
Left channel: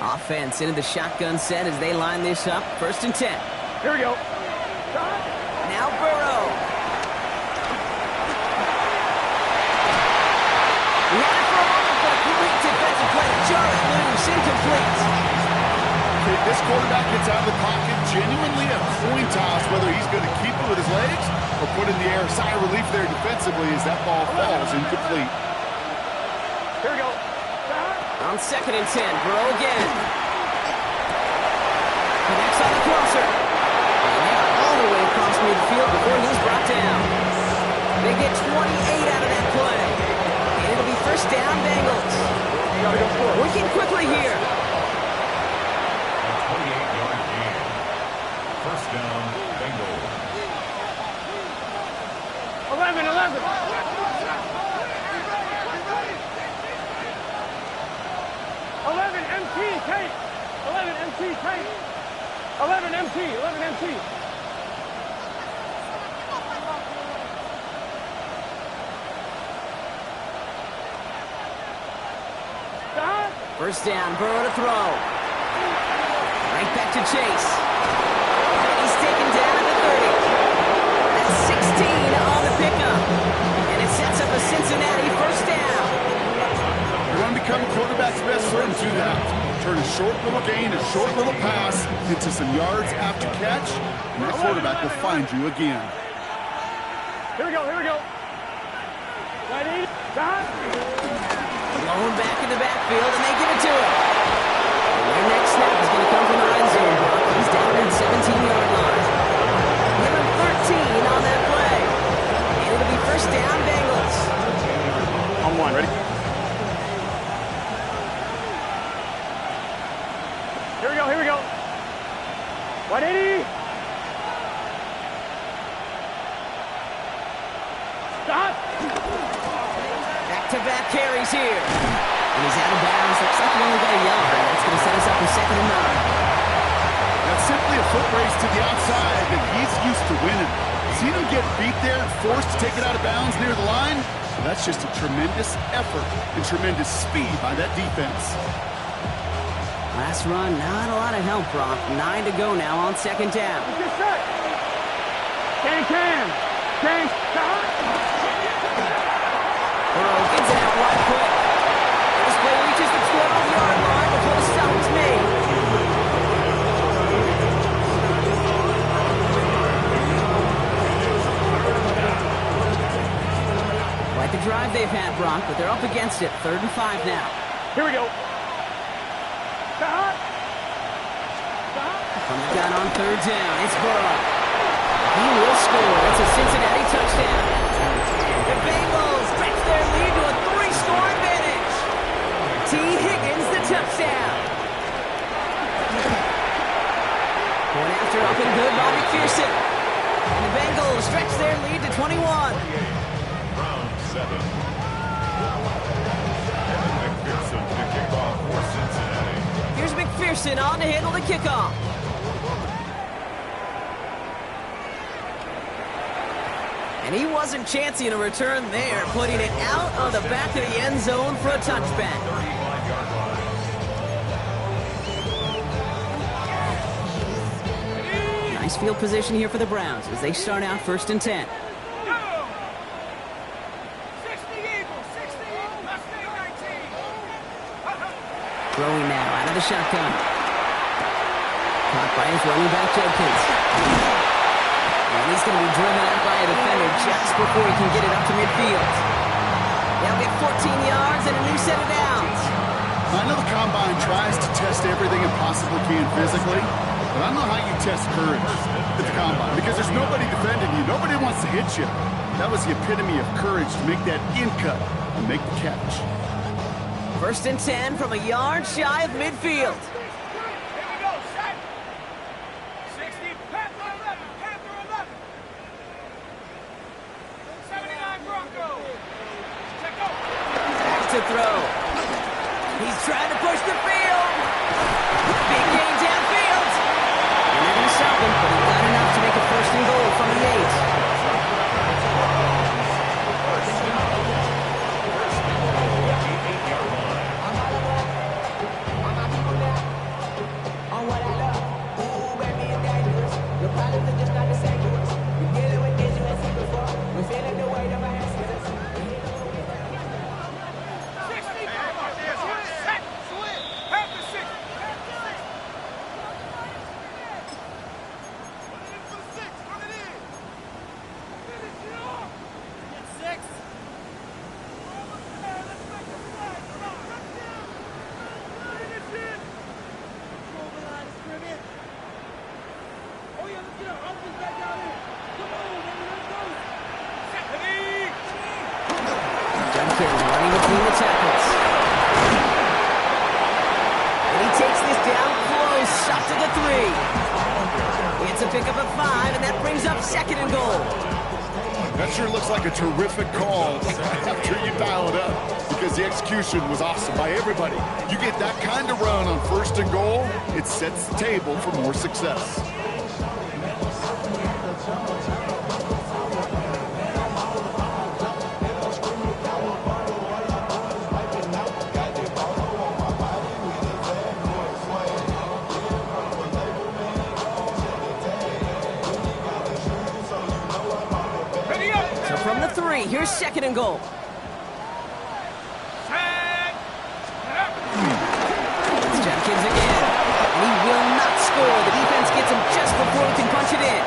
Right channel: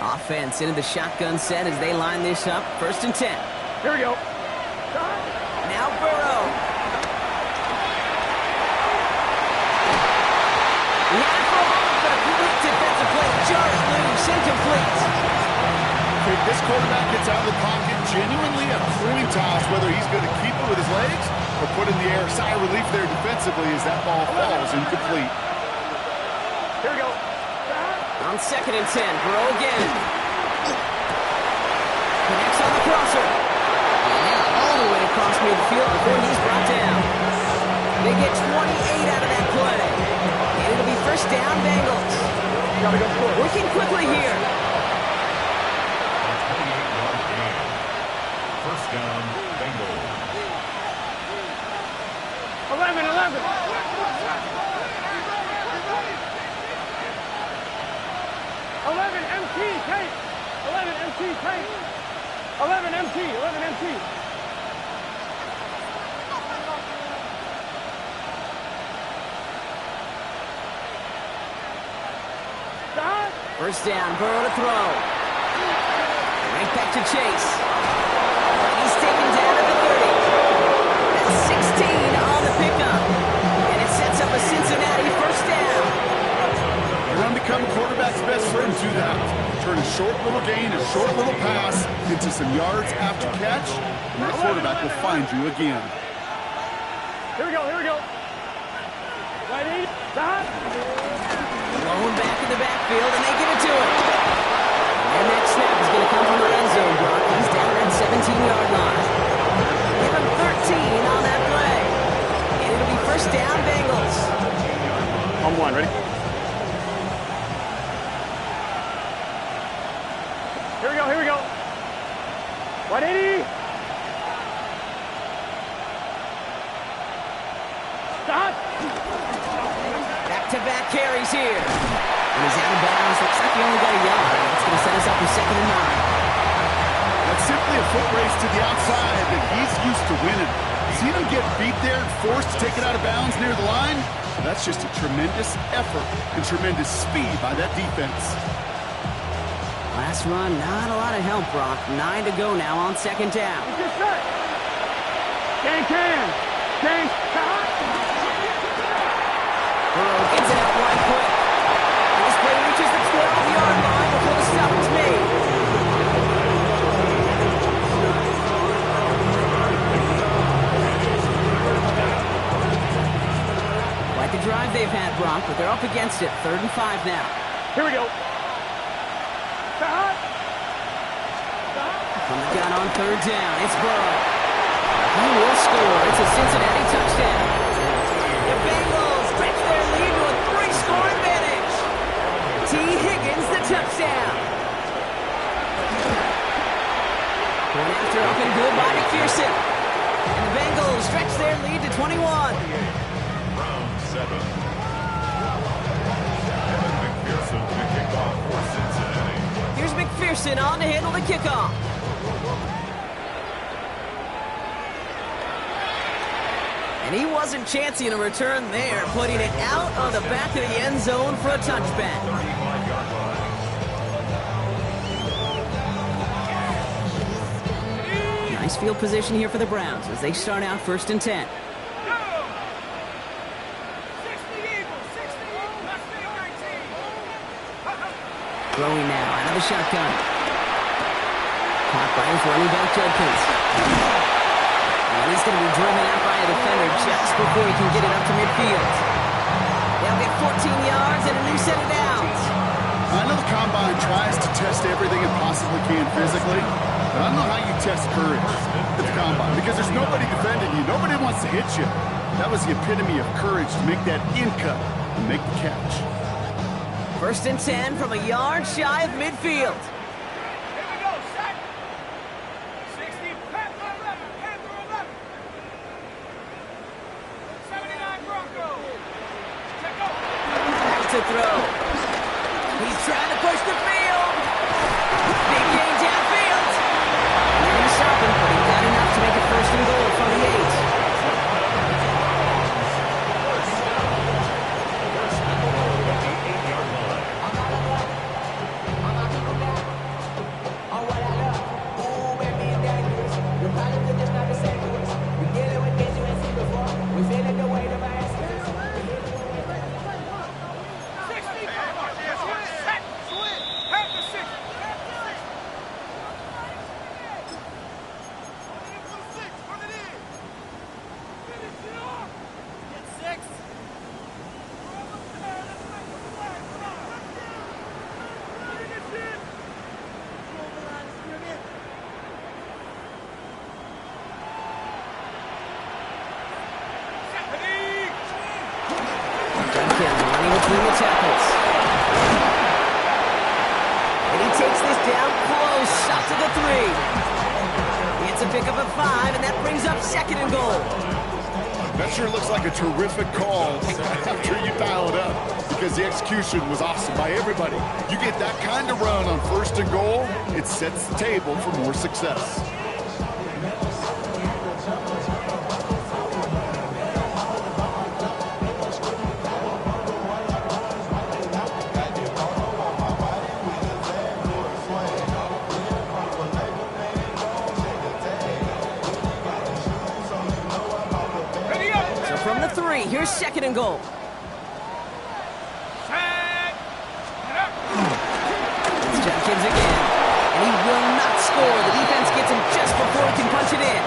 Offense into the shotgun set as they line this up. 1st and 10. Here we go. Now Burrow. He had it for a moment, but a complete defensive play to jar it loose. Incomplete. Kate, this quarterback gets out of the pocket, genuinely a coin toss whether he's going to keep it with his legs or put in the air. Sigh of relief there defensively as that ball falls incomplete. Here we go. On 2nd and 10, Burrow again. Connects on the crosser. And now all the way across midfield before he's brought down. They get 28 out of that play. And it'll be 1st down, Bengals. Gotta go for it. Working quickly here. A 28-yard gain. 1st down, Bengals. 11. 11 MT, Kate. 11 MT, Kate. 11 MT. 11 MT. Stop. 1st down, Burrow to throw. Right back to Chase. And he's taken down at the 30. That's 16 on the pickup. And it sets up a Cincinnati 1st down. You want to become a quarterback's best friend, do that. Turn a short little gain, a short little pass into some yards after catch, and that quarterback will find you again. Here we go. Ready? Stop. Blown back in the backfield, and they give it to him. And their next snap is going to come from the red zone, Brock. He's down at the 17-yard line. Give him 13 on that play. And it'll be 1st down, Bengals. On 1, ready? Here we go. 180. Stop. Back-to-back carries here. And he's out of bounds. Looks like he only got a yard. That's going to set us up for 2nd and 9. That's simply a foot race to the outside that he's used to winning. Seen him get beat there and forced to take it out of bounds near the line? That's just a tremendous effort and tremendous speed by that defense. Last run, not a lot of help, Brock. 9 to go now on 2nd down. Get set. Can. Stop. Burrow gets it out wide quick. And this play reaches the 12-yard line before the stop is made. Quite the drive they've had, Brock, but they're up against it. 3rd and 5 now. Here we go. Stop. From the gun on 3rd down, it's Burrow. He will score. It's a Cincinnati touchdown. The Bengals stretch their lead to a 3-score advantage. T. Higgins, the touchdown. Going after up and good by McPherson. And the Bengals stretch their lead to 21. Round 7. Evan McPherson to kick off for Cincinnati. Here's McPherson on to handle the kickoff. And he wasn't chancing a return there, putting it out on the back of the end zone for a touchback. 35-yard line. Nice field position here for the Browns as they start out 1st and 10. Throwing now out of the shotgun. Caught by his running back, Judkins. And he's going to be driven out by a defender just before he can get it up to midfield. They'll get 14 yards and a new set of downs. I know the Combine tries to test everything it possibly can physically, but I don't know how you test courage at the Combine. because there's nobody defending you. Nobody wants to hit you. That was the epitome of courage to make that in cut and make the catch. 1st and 10 from a yard shy of midfield. Here we go, set. 60, Panther 11, Panther 11. 79 Broncos. Check go. Back to throw. He's trying to push the field. Big gain downfield. And they're going to stop him, but he got enough to make it 1st and goal from the 8. Running between the tackles. And he takes this down close, up to the 3. It's a pickup of 5, and that brings up 2nd and goal. That sure looks like a terrific call after you dial it up, because the execution was awesome by everybody. You get that kind of run on 1st and goal, it sets the table for more success. From the 3, here's 2nd and goal. It's Jenkins again, and he will not score. The defense gets him just before he can punch it in.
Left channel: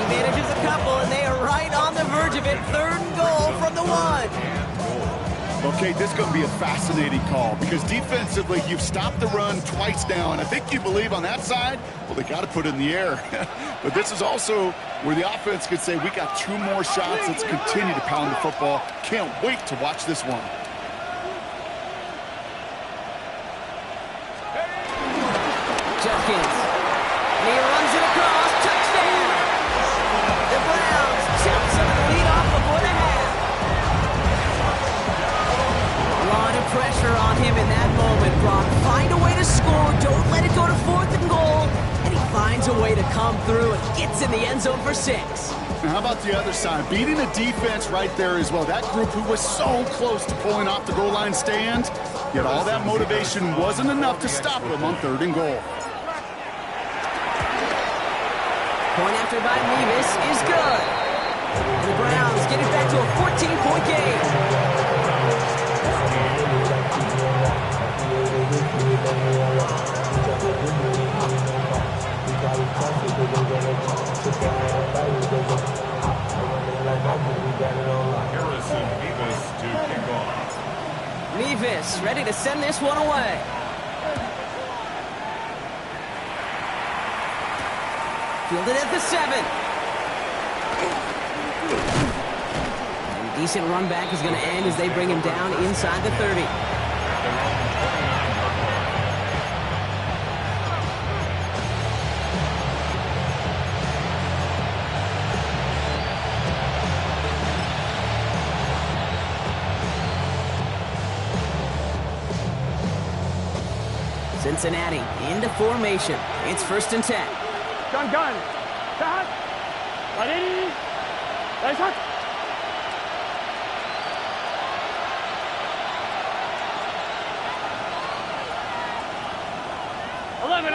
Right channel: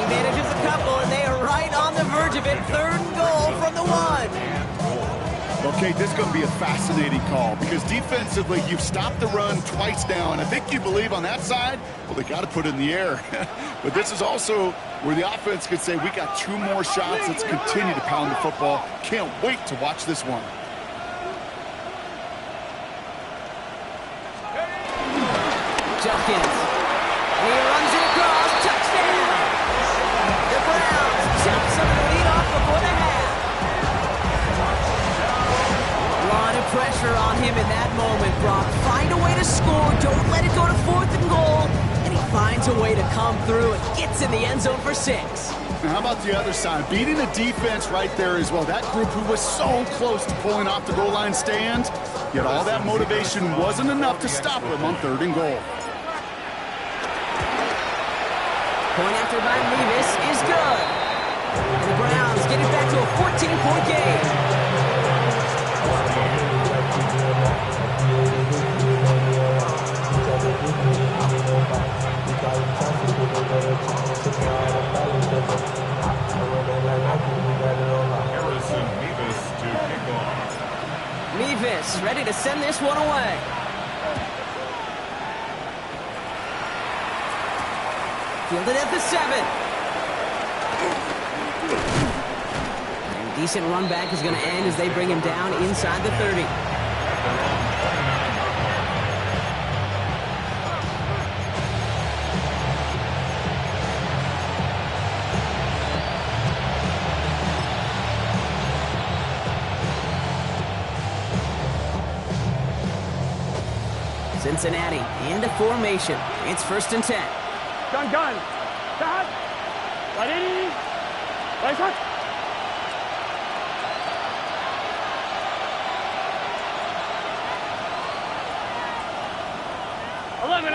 He manages a couple, and they are right on the verge of it. 3rd and goal from the 1. Okay, this is going to be a fascinating call, because defensively, you've stopped the run twice now, and I think you believe on that side, well, they got to put it in the air. But this is also where the offense could say, we got 2 more shots, let's continue to pound the football. Can't wait to watch this one. Jenkins, and he runs it across, touchdown! The Browns jump some of the lead off before the half. A lot of pressure on him in that moment, Brock. Find a way to score, don't let it go to 4th and goal, and he finds a way to come through and gets in the end zone for 6. Now, how about the other side? Beating the defense right there as well. That group who was so close to pulling off the goal line stand, yet all that motivation wasn't enough to stop him on 3rd and goal. Point after by Mevis is good. And the Browns get it back to a 14-point game. Harrison Mevis to kick off. Mevis ready to send this one away. Fielded at the 7. And decent run back is going to end as they bring him down inside the 30. At their own 29-yard line. Cincinnati into formation. It's 1st and 10. Gun. Start. Ready. Right shot. 11.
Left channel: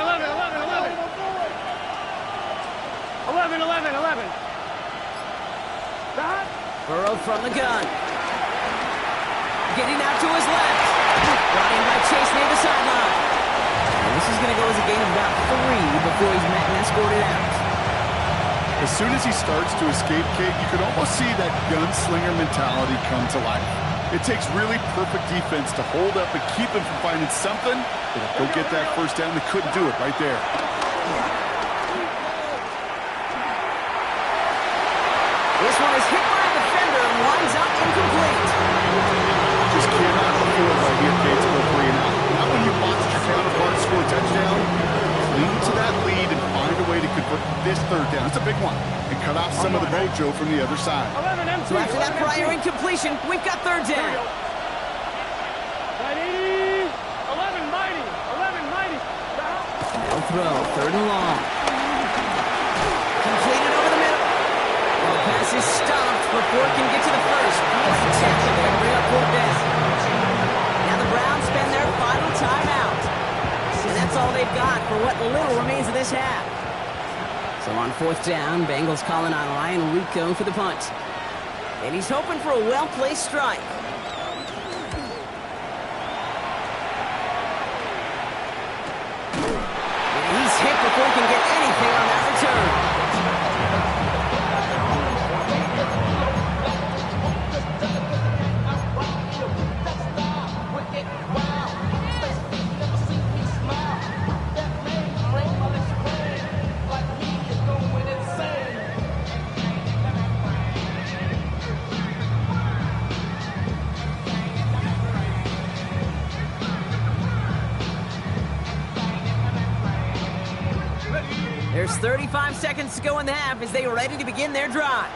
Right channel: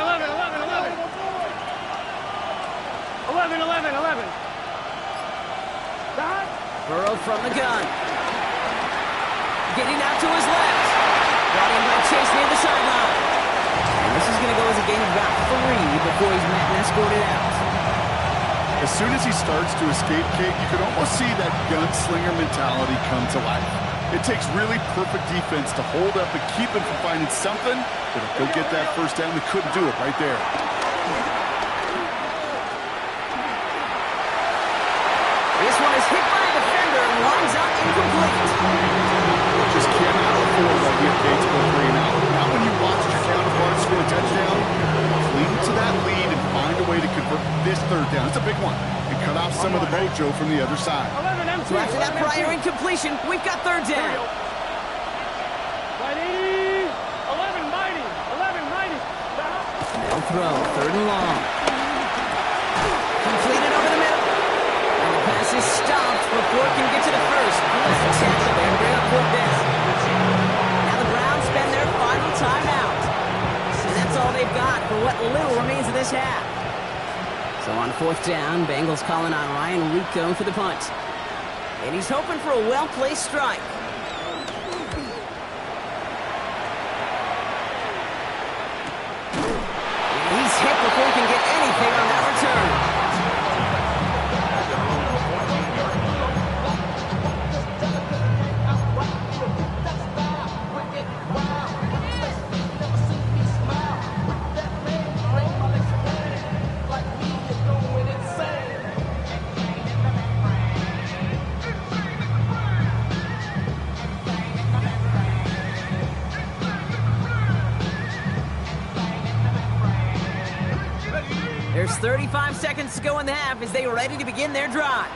11. Start. Burrow from the gun. Getting out to his left. Brought in by Chase near the sideline. And this is going to go as a gain of about 3 before he's met and escorted out. As soon as he starts to escape, Kate, you can almost see that gunslinger mentality come to life. It takes really perfect defense to hold up and keep him from finding something that'll go get that first down. They couldn't do it right there. This one is hit by a defender and winds up incomplete. Just cannot afford right here, Kate, to go 3 and out. Now when you watch your counterpart score a touchdown, cling to that lead and find a way to convert this 3rd down. It's a big one. And cut off some of the mojo from the other side. 11 MT. So after that prior incompletion, we've got 3rd down. 11 mighty. 11 mighty. No throw, 3rd and long. Completed over the middle. And the pass is stopped before it can get to the first. Nice tackle there to bring up 4th down. Now the Browns spend their final timeout. And that's all they've got for what little remains of this half. So on 4th down, Bengals calling on Ryan Rico for the punt. And he's hoping for a well-placed strike. And he's hit before he can get anything on that return. At their own 14-yard line. There's 35 seconds to go in the half as they are ready to begin their drive.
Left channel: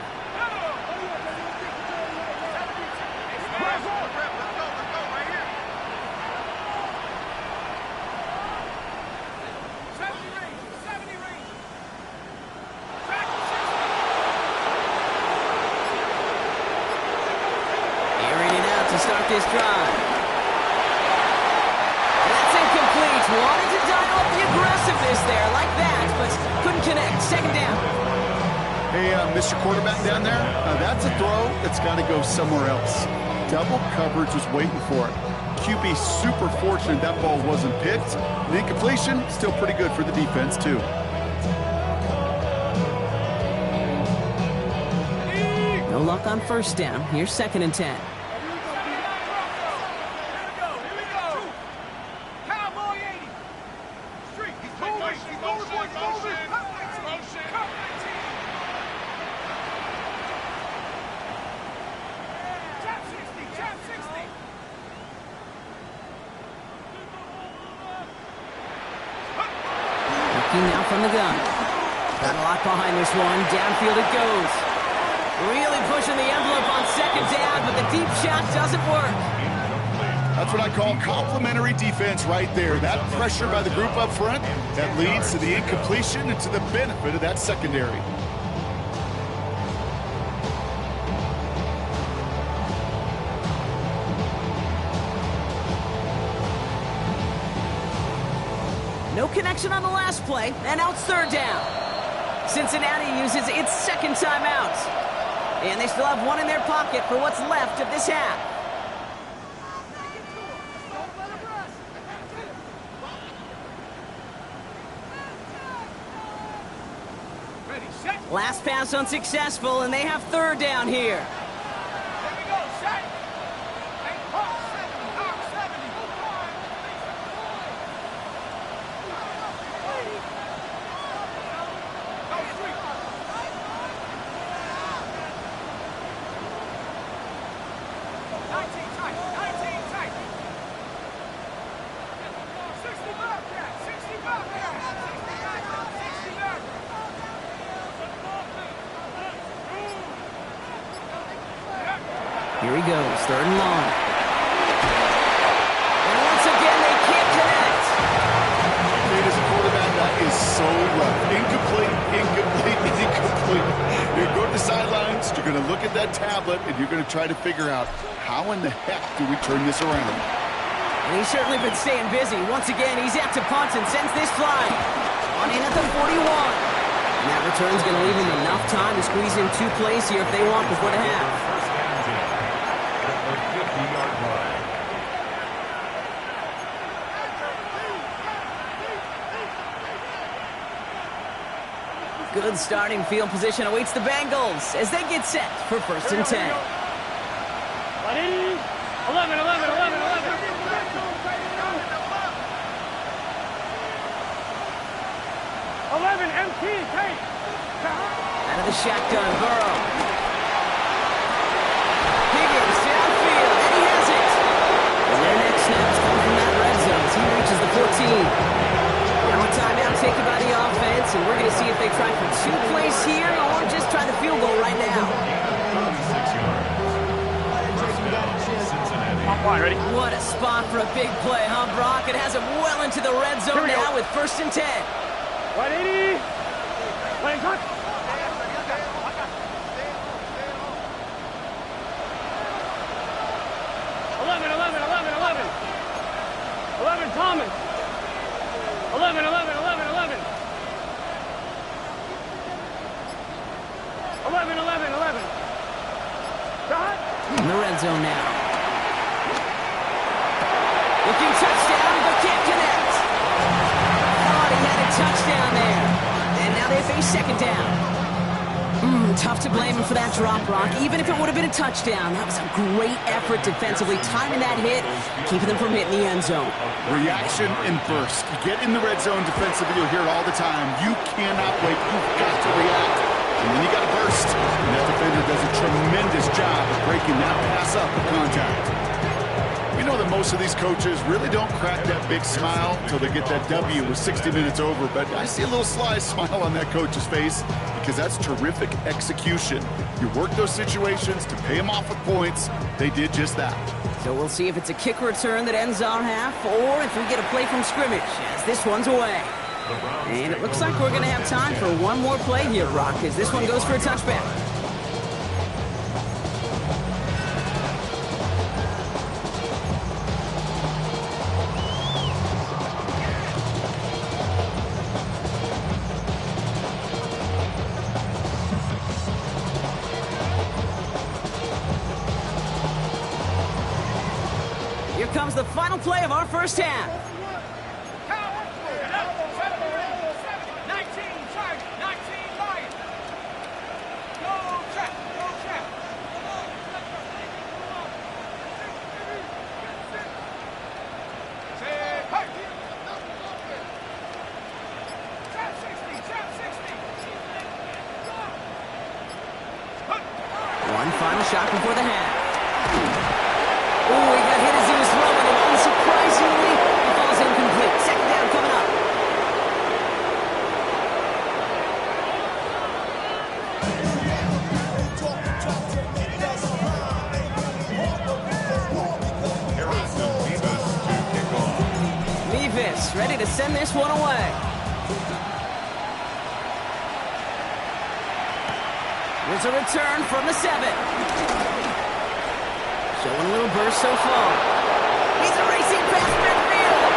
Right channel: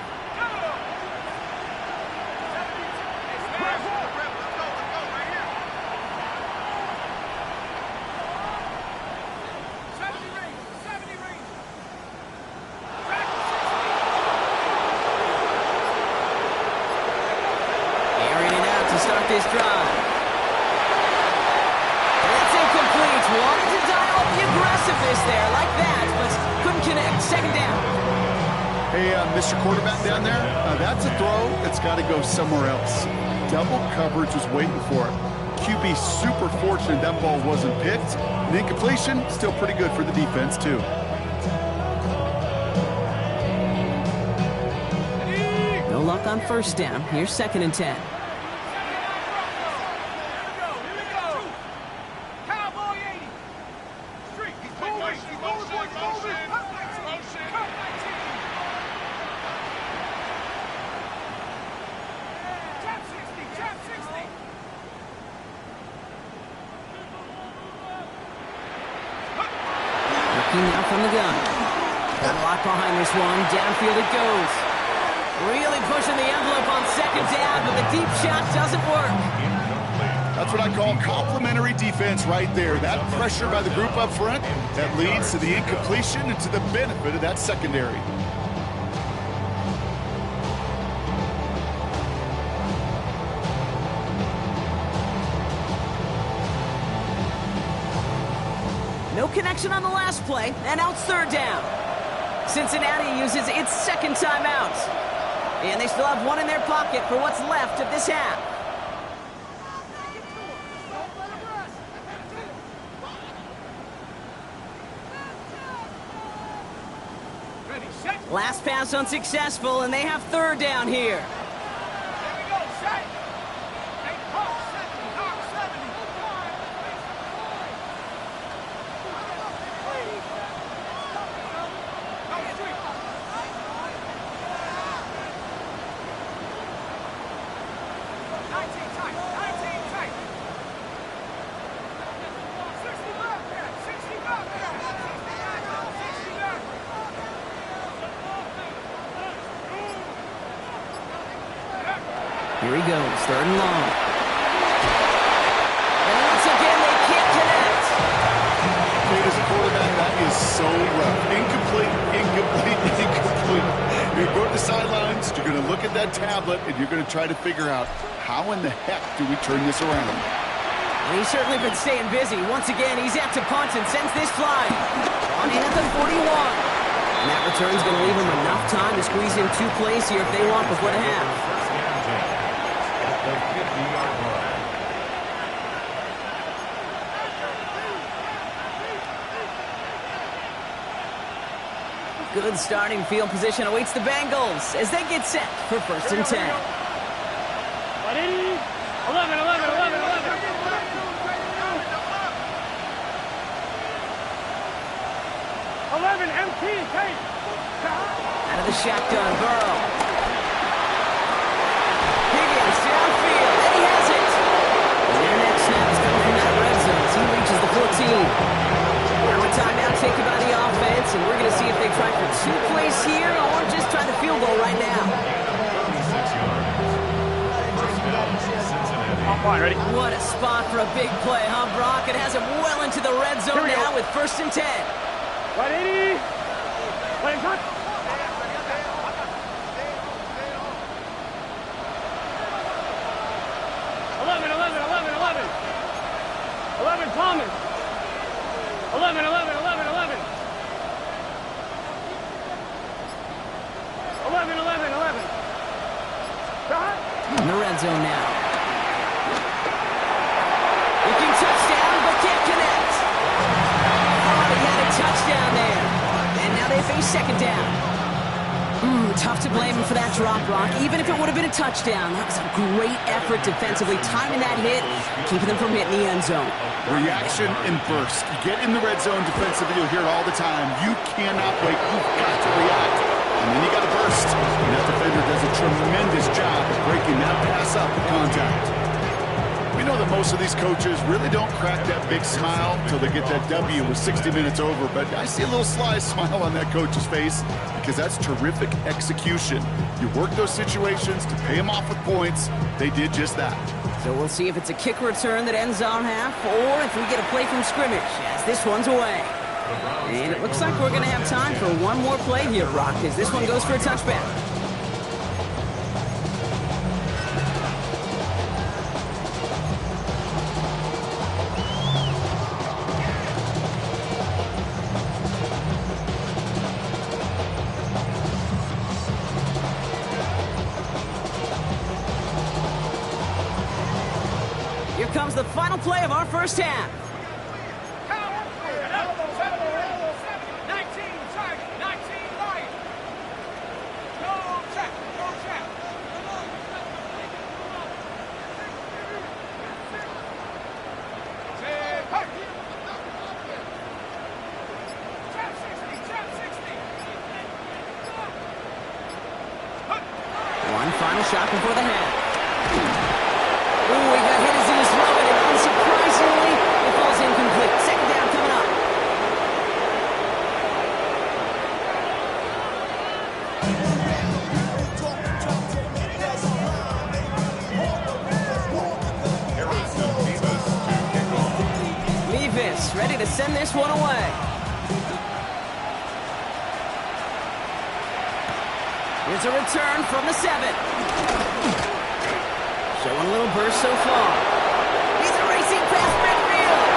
Airing it out to start this drive. And that's incomplete. Wanted to dial up the aggressiveness there like that, but couldn't connect. 2nd down. Hey, Mr. Quarterback down there, that's a throw that's got to go somewhere else. Double coverage was waiting for it. QB super fortunate that ball wasn't picked. And incompletion, still pretty good for the defense, too. No luck on 1st down. Here's 2nd and 10. Now from the gun. Got a lot behind this one. Downfield it goes. Really pushing the envelope on 2nd down, but the deep shot doesn't work. That's what I call complimentary defense right there. That pressure by the group up front, that leads to the incompletion and to the benefit of that secondary. No connection on the last play, and now it's 3rd down. Cincinnati uses its 2nd timeout. And they still have one in their pocket for what's left of this half. Last pass unsuccessful, and they have 3rd down here. Here he goes, 3rd and long. And once again, they can't connect. Kate, as a quarterback, that is so rough. Incomplete, incomplete, incomplete. You're going to go to the sidelines, you're going to look at that tablet, and you're going to try to figure out how in the heck do we turn this around. And he's certainly been staying busy. Once again, he's out to punt and sends this flying. On in at the 41. And that return's going to leave him enough time to squeeze in 2 plays here if they want before the half. First and 10 at the 50-yard line. Good starting field position awaits the Bengals as they get set for 1st and 10. 11. 11 MT, Kate. Out of the shotgun, Burrow. approaches the 14. Now a timeout taken by the offense, and we're going to see if they try for 2 plays here or just try the field goal right now. 36 yards. First down, Cincinnati. On point, ready? What a spot for a big play, huh, Brock? It has him well into the red Here zone we go. now with 1st and 10. 180. Playing touch. 11, 11, Thomas. 11, 11, 11, 11. 11, 11, 11. Shot. In the red zone now. Looking touchdown, but can't connect. Thought he had a touchdown there. And now they face 2nd down. Tough to blame him for that drop, Brock. Even if it would have been a touchdown, that was a great effort defensively, timing that hit, keeping them from hitting the end zone. Reaction and burst. You get in the red zone defensively, you'll hear it all the time. You cannot wait. You've got to react. And then you got to burst. And that defender does a tremendous job of breaking that pass up with contact. We know that most of these coaches really don't crack that big smile until they get that W with 60 minutes over. But I see a little sly smile on that coach's face because that's terrific execution. You work those situations to pay them off with points. They did just that. So we'll see if it's a kick return that ends our half or if we get a play from scrimmage as this one's away. And it looks like we're going to have time for one more play here, Rock, as this one goes for a touchback. Here comes the final play of our first half. 19, charge, 19, Lion. Go check, go check. Trap 60, trap 60. One final shot before the half. Ooh, he got hit as he was throwing, and unsurprisingly, it falls incomplete. 2nd down coming up. Mevis ready to send this one away. Here's a return from the 7. Showing a little burst so far. He's racing past midfield.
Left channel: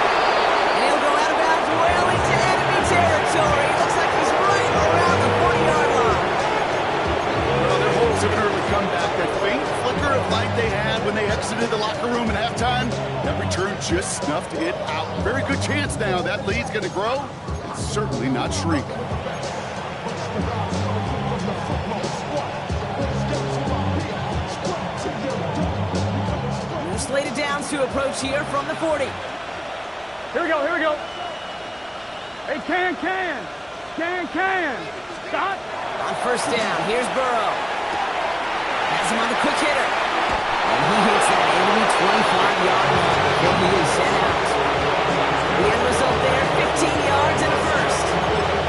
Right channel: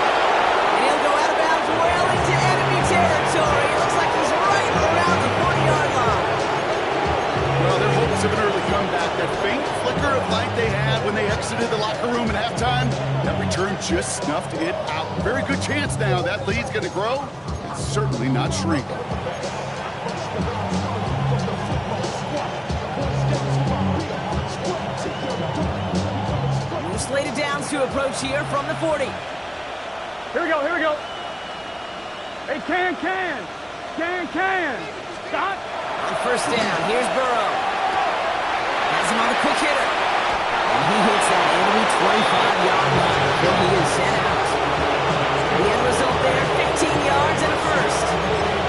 And he'll go out of bounds well into enemy territory. It looks like he's right around the 40-yard line. Well, their hopes of an early comeback, that faint flicker of light they had when they exited the locker room at halftime, that return just snuffed it out. Very good chance now that lead's going to grow and certainly not shrink. Slated downs to approach here from the 40. Here we go, here we go. Hey, can. Stop. On 1st down, here's Burrow. Has him on the quick hitter. And he hits that enemy 25-yard line before he is sent out. The end result there, 15 yards and a first.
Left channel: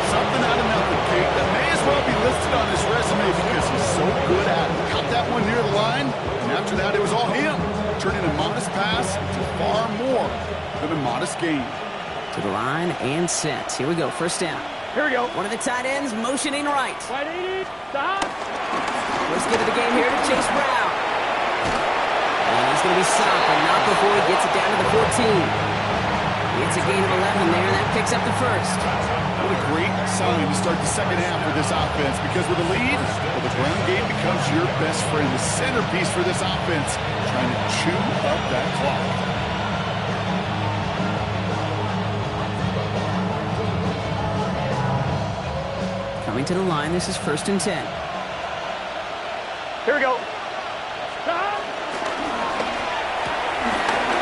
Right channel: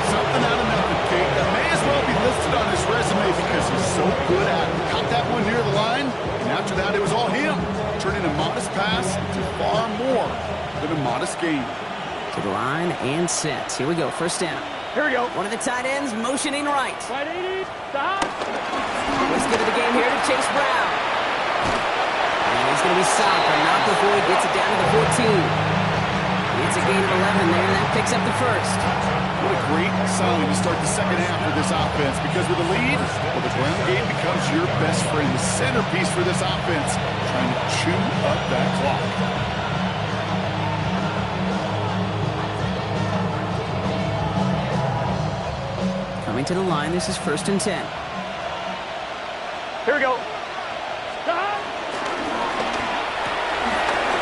Something out of nothing, Kate. That may as well be listed on his resume because he's so good at it. Caught that one near the line, and after that, it was all him. Turning a modest pass to far more than a modest gain. To the line and set. Here we go, 1st down. Here we go. One of the tight ends motioning right. 180, stop. Let's get to the game here to Chase Brown. And he's going to be stopped, but not before he gets it down to the 14. It's a gain of 11 there, and that picks up the first. What a great sign to start the second half for this offense, because with a lead, well, the ground game becomes your best friend, the centerpiece for this offense, trying to chew up that clock. Coming to the line, this is 1st and 10. Here we go. Stop.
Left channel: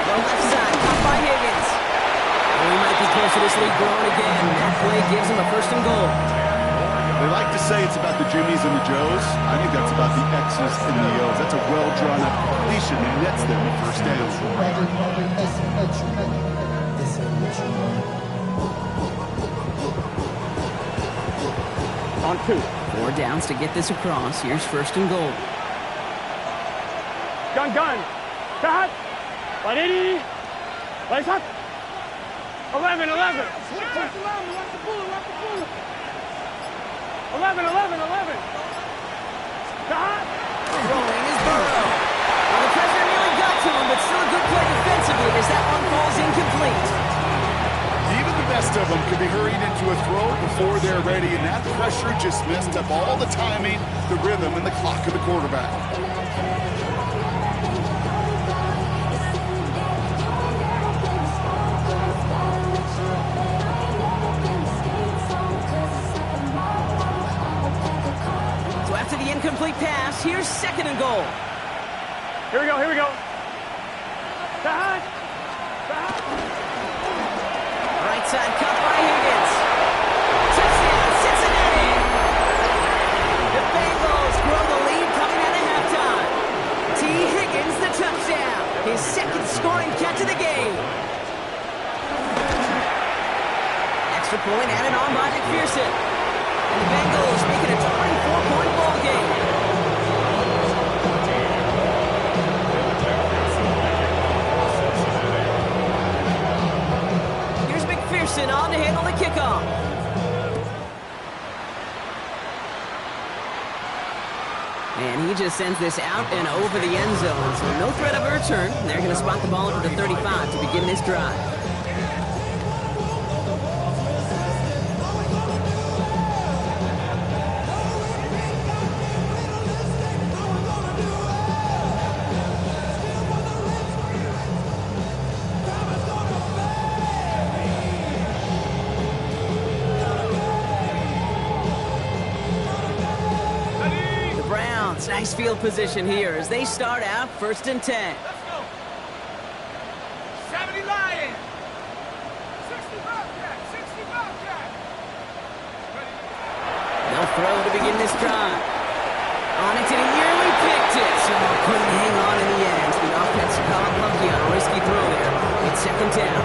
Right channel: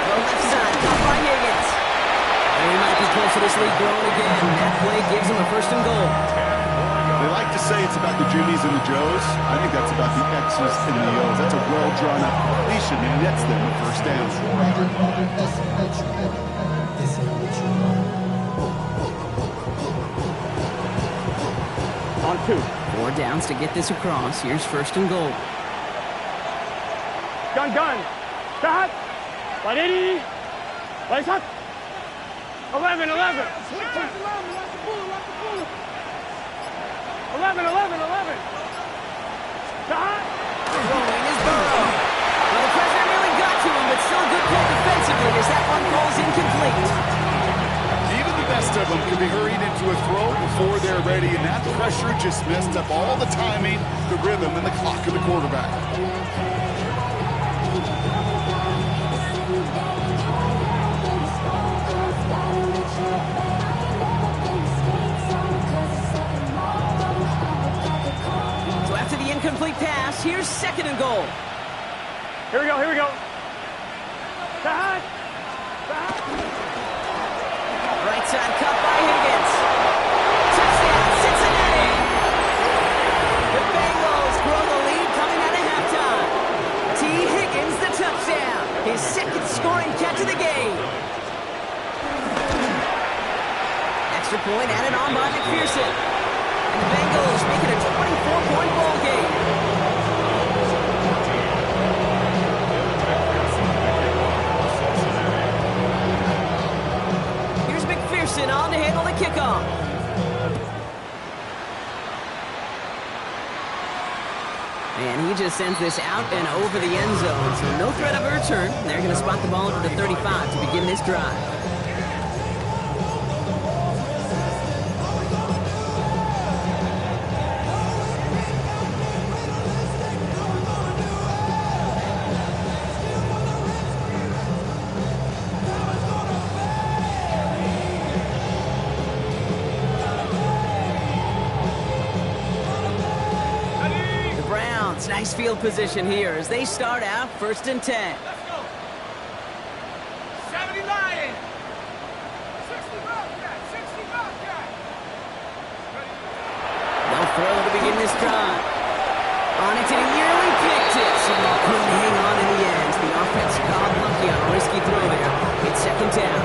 The left side, caught by Higgins. And we might be close to this lead growing again. That play gives him a 1st and goal. They like to say it's about the Jimmies and the Joes. I think that's about the X's and the O's. That's a well-drawn-up completion that nets them a 1st down. This On 2. 4 downs to get this across. Here's 1st and goal. Gun. Cut. 180. Place up. 11. 11. 11. Cut. Throwing is Burrow. Well, the pressure nearly got to him, but still a good play defensively as that one falls incomplete. Even the best of them can be hurried into a throw before they're ready, and that pressure just messed up all the timing, the rhythm, and the clock of the quarterback. So after the incomplete pass, here's 2nd and goal. Here we go. Cut. Right side cut by Higgins. Touchdown, Cincinnati! The Bengals grow the lead coming out of halftime. T. Higgins the touchdown. His 2nd scoring catch of the game. Extra point added on by McPherson. And the Bengals make it a 24-point ball game. Here's McPherson on to handle the kickoff. And he just sends this out and over the end zone. So no threat of a return. They're going to spot the ball over the 35 to begin this drive. Nice field position here as they start out 1st and 10. Let's go. 70 Lions. 60 Bobcat. 60 Bobcat. They'll throw to begin this drive. On it, and he nearly picked it. So couldn't hang on in the end. The offense got lucky on a risky throw there. It's 2nd down.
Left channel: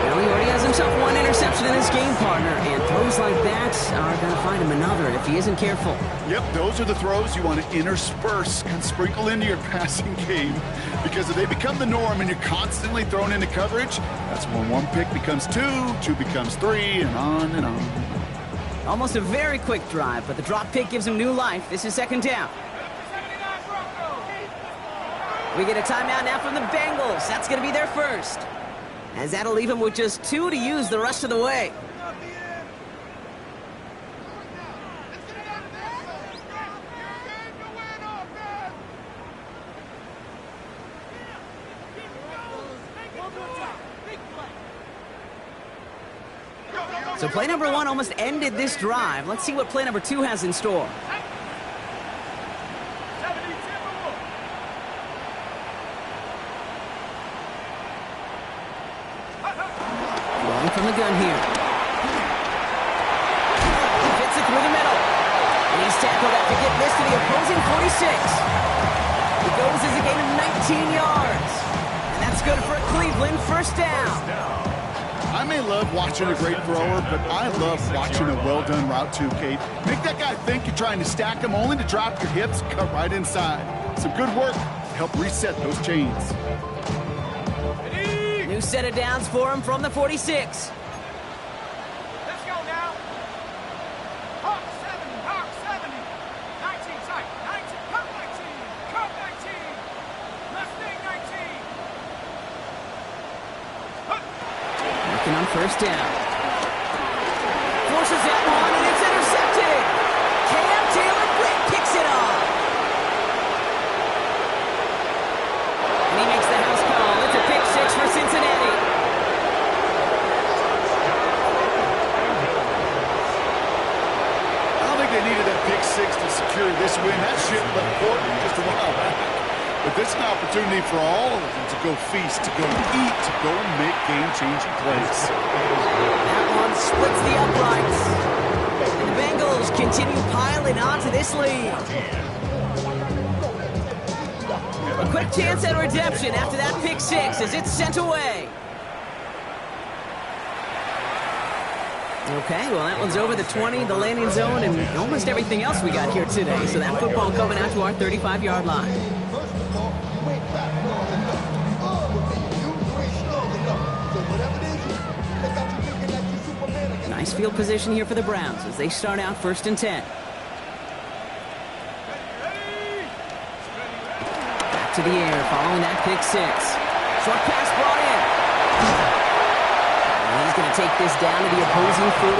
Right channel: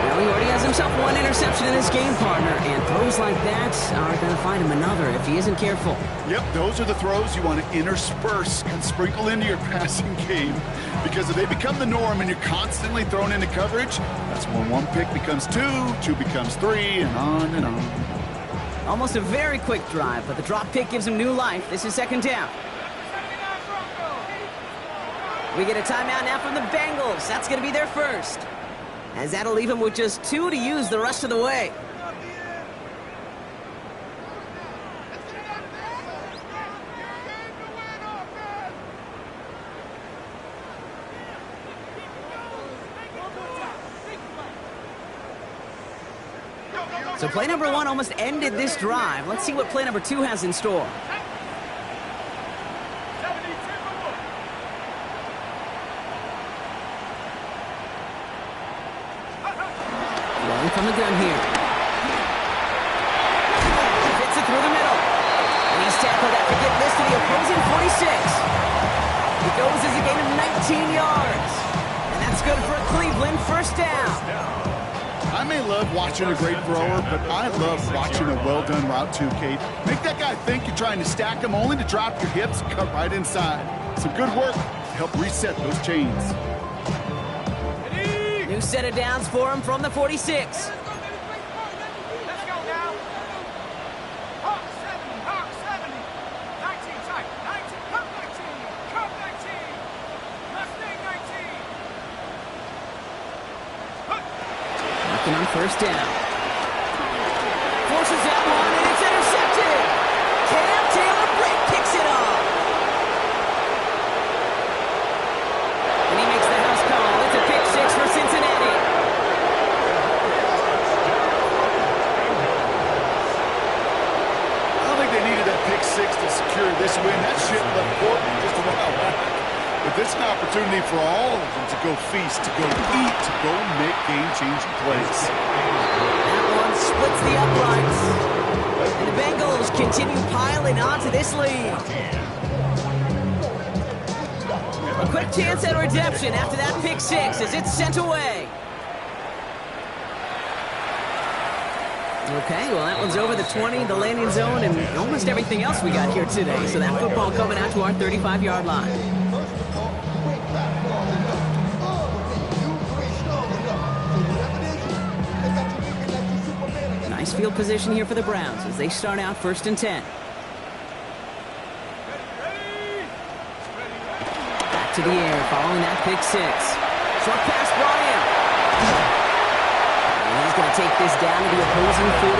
Well, he already has himself 1 interception in his game, partner, and throws like that are going to find him another if he isn't careful. Yep, those are the throws you want to intersperse and sprinkle into your passing game, because if they become the norm and you're constantly thrown into coverage, that's when 1 pick becomes 2, 2 becomes 3, and on and on. Almost a very quick drive, but the drop pick gives him new life. This is 2nd down. We get a timeout now from the Bengals. That's going to be their first, as that'll leave him with just 2 to use the rest of the way. So play number 1 almost ended this drive. Let's see what play number 2 has in store. Rolling from the gun here. Fits it through the middle. And he's tackled after getting this to the opposing 46. It goes as a gain of 19 yards. And that's good for a Cleveland 1st down. I may love watching a great thrower, but I love watching a well-done route too, Kate. Make that guy think you're trying to stack him only to drop your hips, cut right inside. Some good work to help reset those chains. New set of downs for him from the 46. Let's go now. Hawk 70, Hawk 70. 19 tight, 19, Cup 19, Cup 19. Mustang 19. Working on 1st down. Forces that one, and it's intercepted. Cam Taylor break kicks it off. And he makes the house call. It's a pick 6 for Cincinnati. I don't think they needed that pick 6 to secure this win. That shit left Portland just a while back. But this is an opportunity for all of them to go feast, to go eat, to go make game-changing plays. That one splits the uprights. And the Bengals continue piling onto this lead. A quick chance at redemption after that pick 6 as it's sent away. Okay, well, that one's over the 20, the landing zone, and almost everything else we got here today. So that football coming out to our 35-yard line. First of all, you ain't back far enough. You ain't strong enough. So whatever it is, they got you looking like you Superman again. Nice field position here for the Browns as they start out 1st and 10. Back to the air following that pick 6. Short pass brought in. And he's going to take this down to the opposing 44.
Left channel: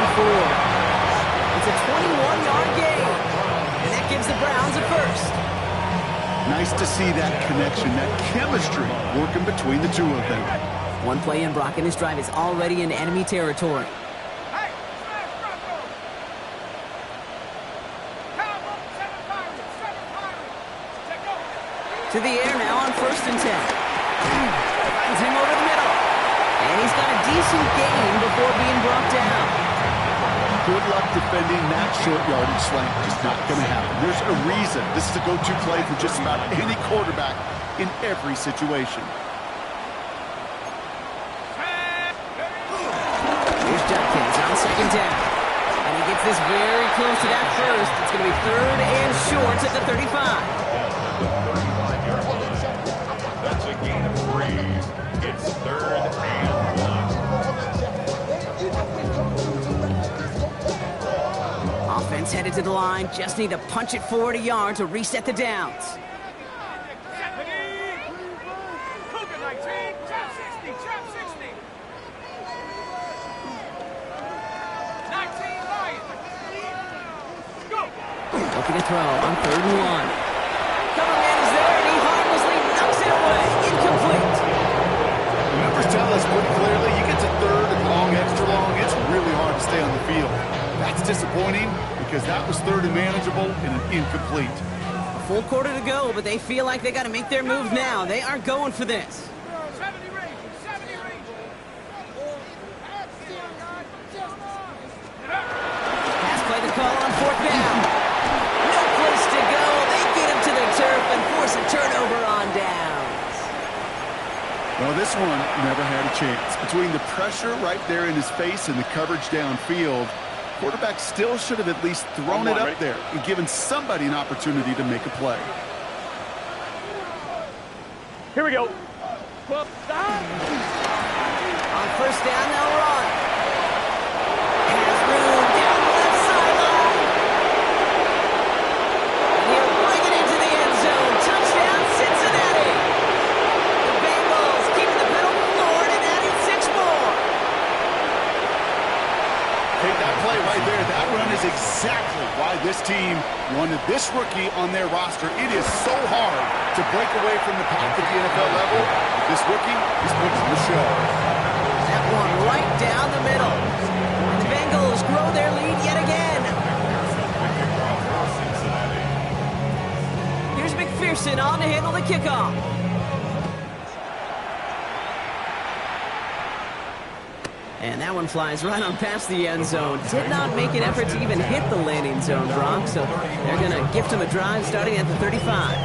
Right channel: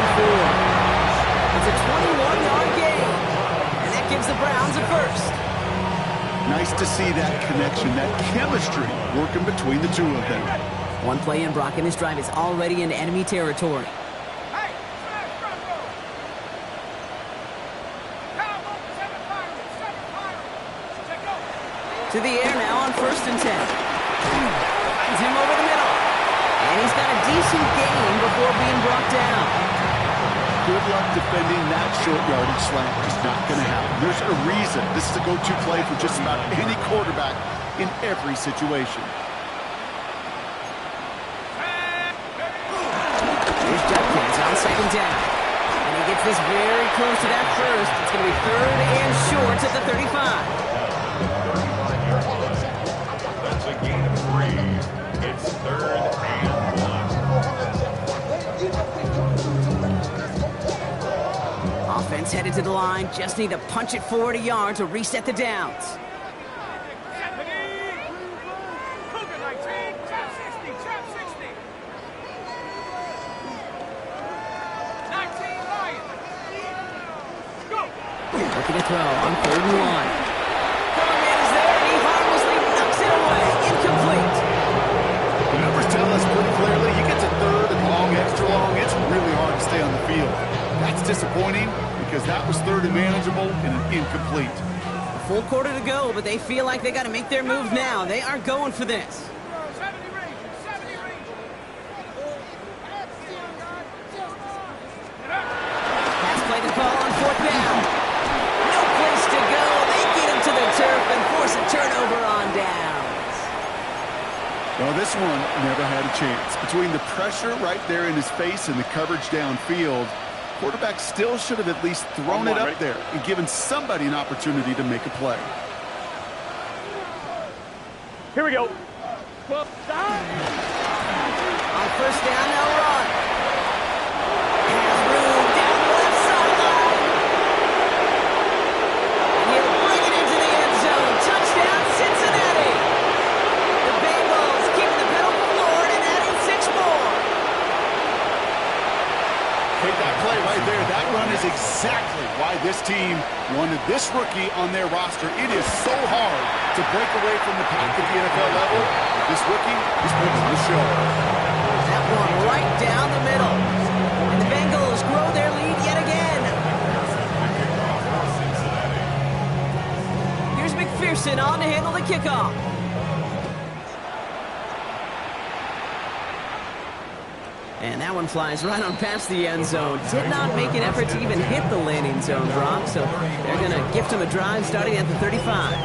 It's a 21-yard gain. And that gives the Browns a first. Nice to see that connection, that chemistry working between the two of them. One play in, Brock, and his drive is already in enemy territory. Hey, smash Bronco! Cowboy, 7 Pirates, 7 Pirates. Check go. To the air now on 1st and 10. Finds him over the middle. And he's got a decent gain before being brought down. Good luck defending that short yardage slant. It's not going to happen. There's a reason this is a go-to play for just about any quarterback in every situation. Here's Judkins on 2nd down. And he gets this very close to that first. It's going to be 3rd and short at the 35. That's a gain of 3. It's 3rd and 1. Offense headed to the line. Just need to punch it forward a yard to reset the downs. Cougar 19, trap 60, trap 60. 19 Lions. Go. Looking to throw on 3rd and 1. Cover man is there, and he harmlessly knocks it away. Incomplete. The numbers tell us pretty clearly, you get to 3rd and long, extra long, it's really hard to stay on the field. That's disappointing because that was 3rd and manageable and an incomplete. A full quarter to go, but they feel like they got to make their move now. They are going for this. 70 Rangers, 70 Rangers. Pass play to call on 4th down. No place to go. They get him to the turf and force a turnover on downs. Well, this one never had a chance. Between the pressure right there in his face and the coverage downfield, quarterback still should have at least thrown it up there and given somebody an opportunity to make a play. Here we go. Well, On 1st down, they'll run. Has room down the left sideline. And he'll bring it into the end zone. Touchdown, Cincinnati. The Bengals keeping the pedal floored and adding 6 more. Hey, that play right there, that run is exactly why this team wanted this rookie on their roster. It is so hard to break away from the pack at the NFL level. But this rookie is putting on the show. That one right down the middle. And the Bengals grow their lead yet again. Here's McPherson on to handle the kickoff. And that one flies right on past the end zone. Did not make an effort to even hit the landing zone, Brock. So they're going to gift him a drive starting at the 35.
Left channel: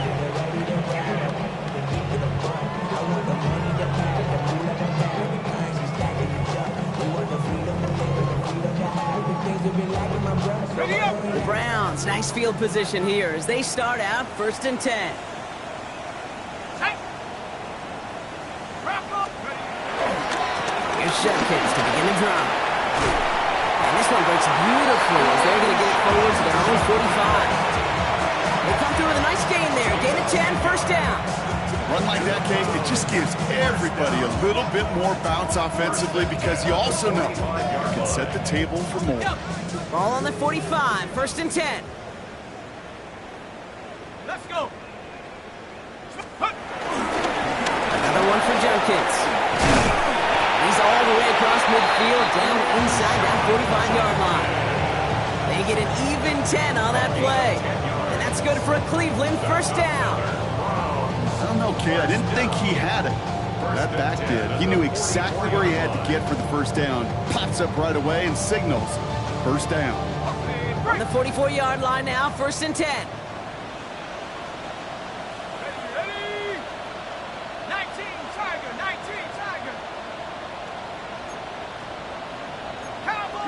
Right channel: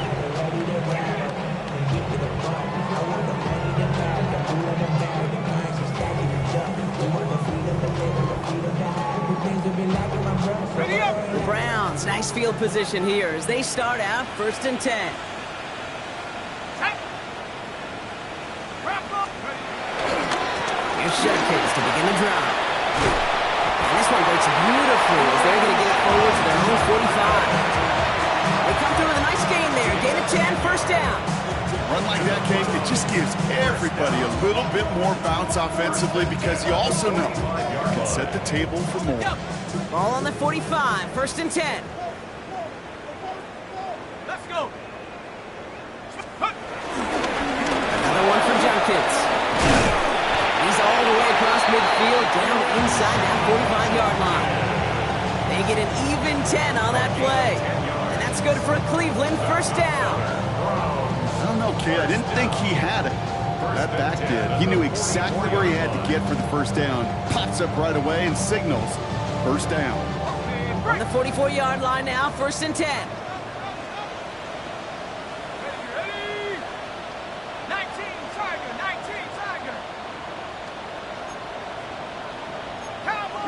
ready up. The Browns, nice field position here as they start out 1st and 10. Tight. Wrap up. Ready. Here's Judkins to begin the drive. And this one breaks beautifully as they're going to get it forward to their own 45. They come through with a nice gain there. Gain of 10, 1st down. Run like that, Kate, it just gives everybody a little bit more bounce offensively because you also know you can set the table for more. Ball on the 45, 1st and 10. Let's go. Another one for Judkins. He's all the way across midfield, down inside that 45-yard line. They get an even 10 on that play. And that's good for a Cleveland 1st down. I don't know, kid. I didn't think he had it. That back did. He knew exactly where he had to get for the 1st down. Pops up right away and signals 1st down. On the 44-yard line now, 1st and 10. Ready. 19 Tiger, 19 Tiger. Cowboy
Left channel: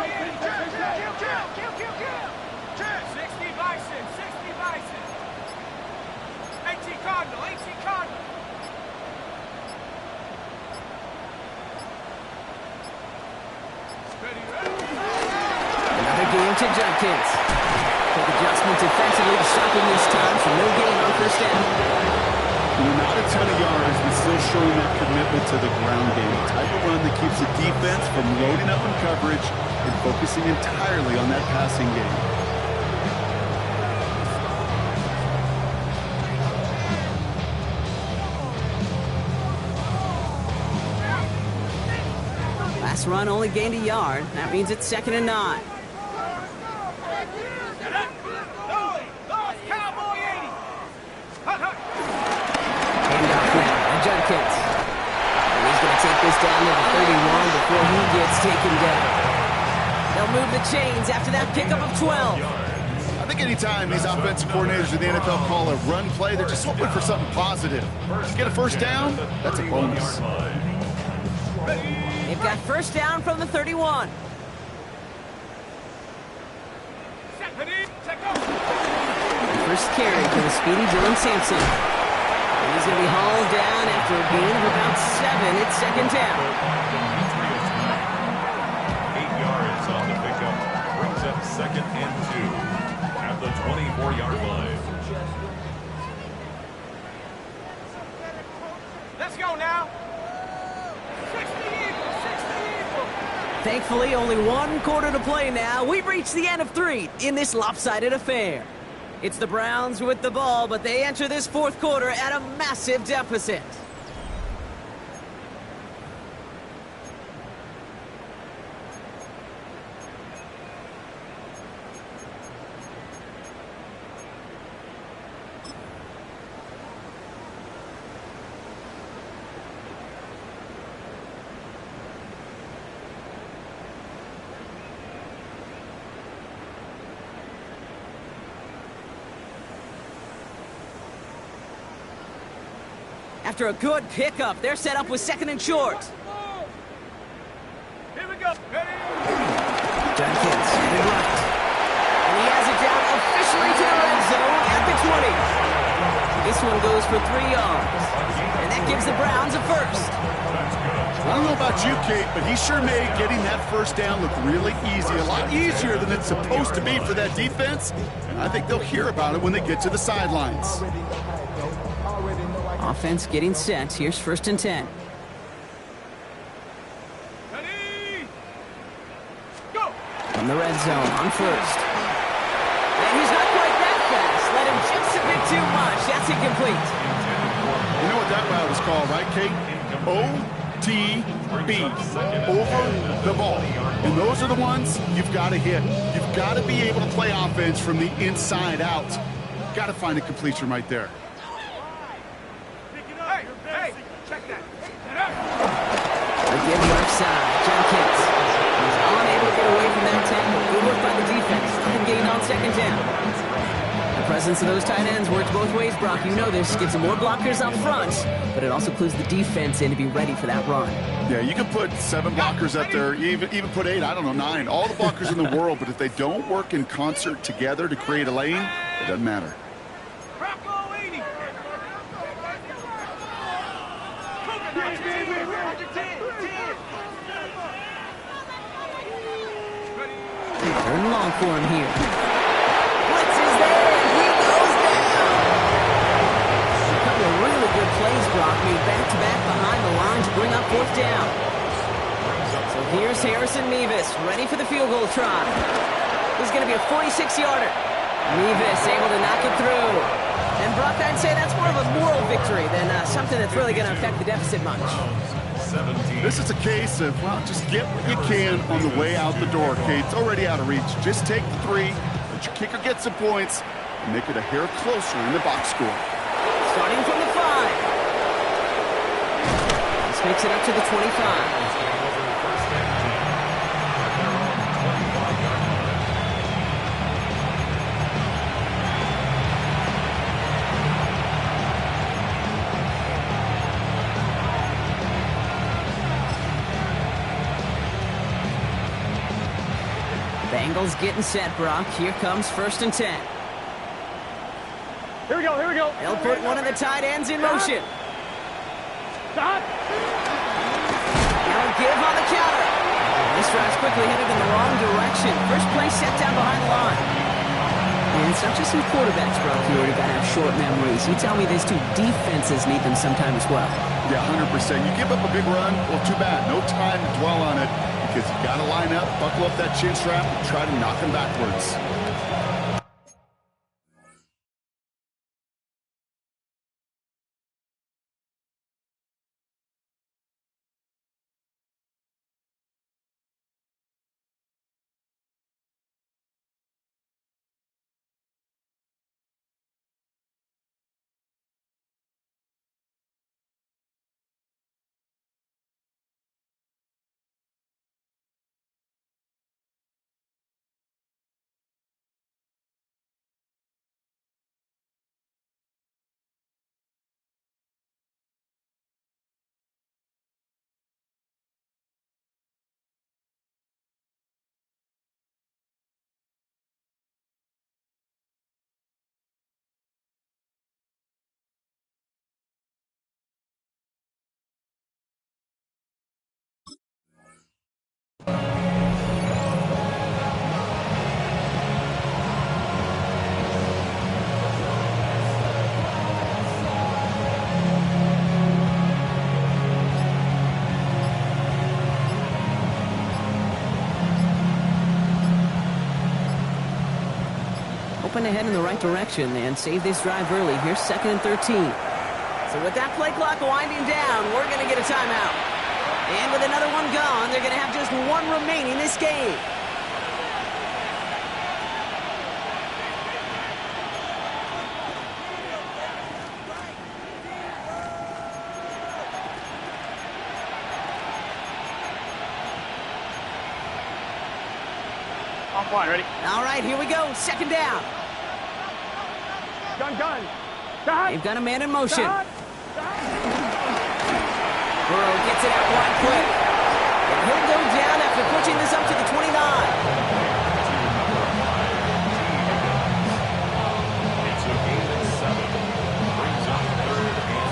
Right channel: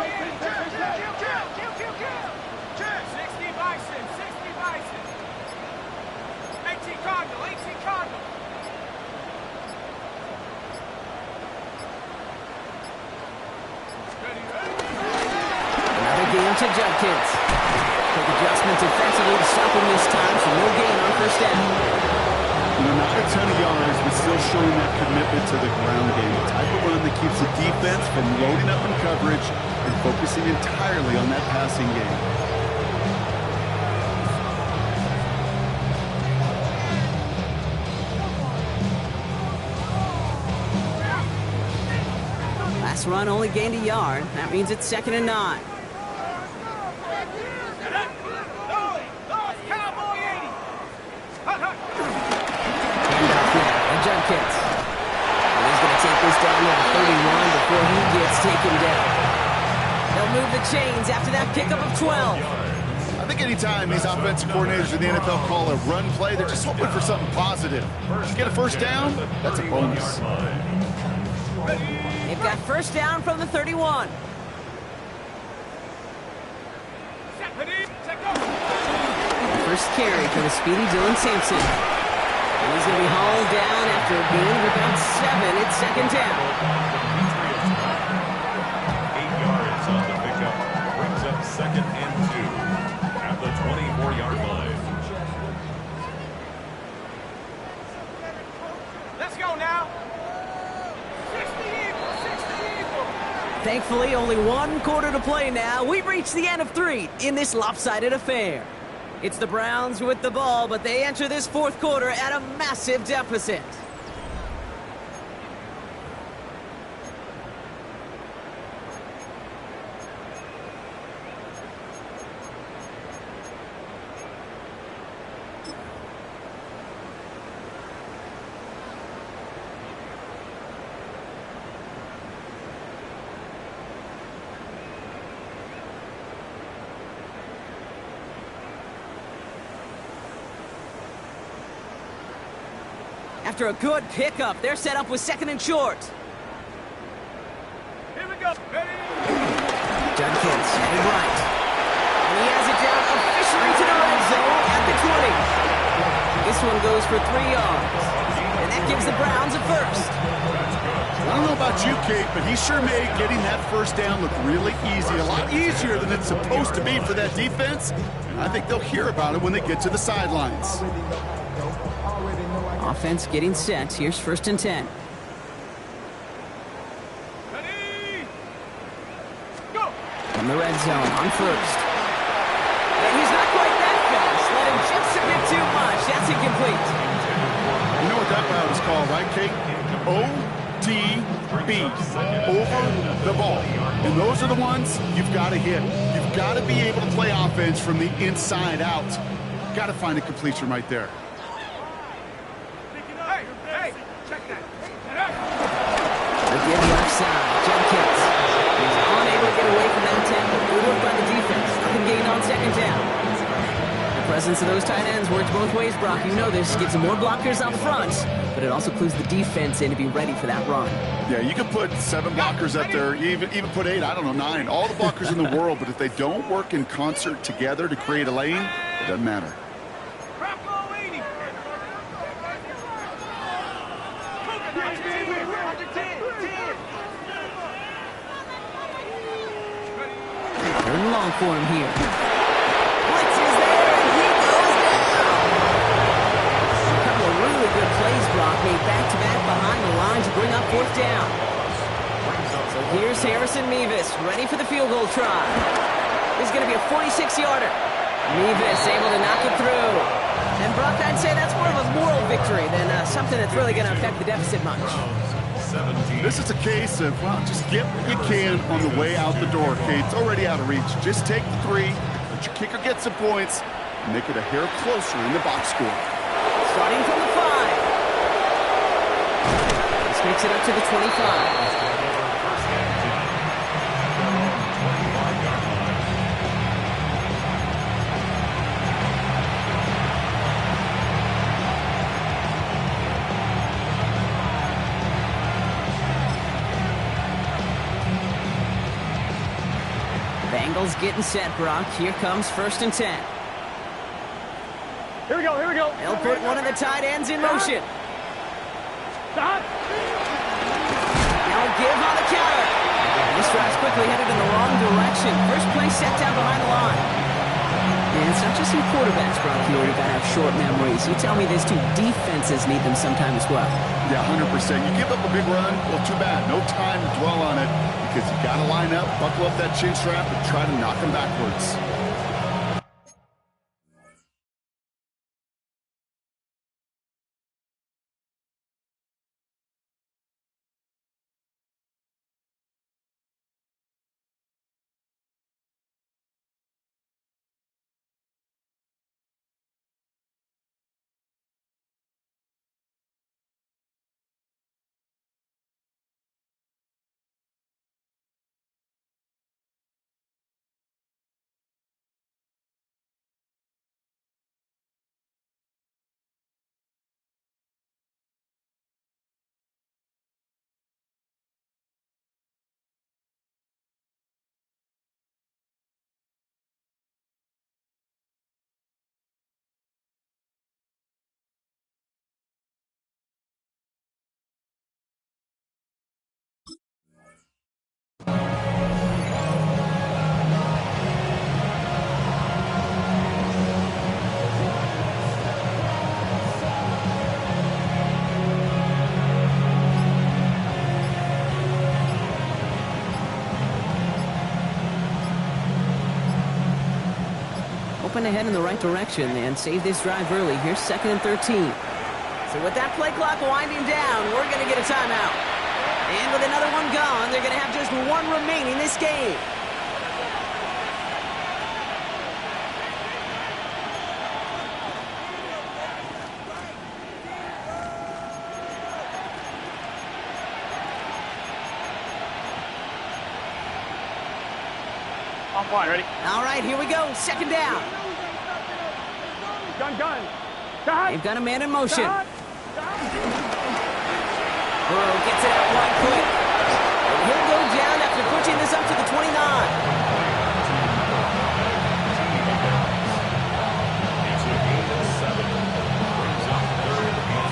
60 Bison, 60 Bison. 18 Cardinal, 18 Cardinal. Another game to Judkins. Quick adjustment defensively to stop him this time, so no gain on first down. You know, not a ton of yards, but still showing that commitment to the ground game. The type of run that keeps the defense from loading up in coverage and focusing entirely on that passing game. Last run only gained a yard. That means it's 2nd and 9. Handoff now to Judkins. And he's going to take this down to the 31 before he gets taken down. They'll move the chains after that pickup of 12. I think anytime these offensive coordinators in the NFL call a run play, they're just hoping for something positive. Get a first down, that's a bonus. They've got first down from the 31. First carry for the speedy Dylan Sampson. And he's going to be hauled down after a gain of about 7. It's 2nd down. 8 yards on the pickup. Brings up 2nd and 2 at the 24-yard line. Let's go now. 60 Eagles, 60 Eagles. Thankfully, only 1 quarter to play now. We've reached the end of 3 in this lopsided affair. It's the Browns with the ball, but they enter this 4th quarter at a massive deficit. After a good pickup, they're set up with 2nd and short. Here we go. Ready? Judkins headed right. And he has it down officially to the red zone at the 20. This one goes for 3 yards. And that gives the Browns a first. I don't know about you, Kate, but he sure made getting that first down look really easy. A lot easier than it's supposed to be for that defense. And I think they'll hear about it when they get to the sidelines. Offense getting set. Here's 1st and 10. Ready? Go. From the red zone on first. And he's not quite that fast. Let him just a bit too much. That's incomplete. You know what that route is called, right, Kate? OTB. Over the ball. And those are the ones you've got to hit. You've got to be able to play offense from the inside out. Got to find a completion right there. Hey, check that. Again, left side. Judkins. He's unable to get away from that tackle. Good work by the defense. Nothing gained on 2nd down. The presence of those tight ends works both ways, Brock. You know this. Gives them more blockers up front, but it also clues the defense in to be ready for that run. Yeah, you can put 7 blockers up there, even put 8, I don't know, 9. All the blockers in the world, but if they don't work in concert together to create a lane, it doesn't matter. Rocco 80. Third and long for him here. Blitz is there, and he goes down. A couple of really good plays, Brock, made back-to-back behind the line to bring up 4th down. So here's Harrison Mevis, ready for the field goal try. This is going to be a 46-yarder. Mevis able to knock it through. And Brock, I'd say that's more of a moral victory than something that's really going to affect the deficit much. This is a case of, well, just get what you can on the way out the door, Kate. It's already out of reach. Just take the 3, let your kicker get some points, and make it a hair closer in the box score. Starting from the 5. This makes it up to the 25. Bengals getting set, Brock. Here comes 1st and 10. Here we go, here we go. They'll put one of the tight ends in motion. Stop. Now a give on the counter. This drive's quickly headed in the wrong direction. First play set down behind the line. And it's not just some quarterbacks, Brock, you already got to have short memories. You tell me these two defenses need them sometime as well. Yeah, 100%. You give up a big run, well, too bad. No time to dwell on it because you got to line up, buckle up that chin strap, and try to knock them backwards. Open ahead in the right direction and save this drive early. Here's 2nd and 13. So with that play clock winding down, we're going to get a timeout. And with another one gone, they're going to have just one remaining this game. Offline, ready? All right, here we go. 2nd down. Gun. Stop. They've got a man in motion. Stop. Burrow gets it out wide quick. And he'll go down after pushing this up to the 29. It's a gain of 7. Brings up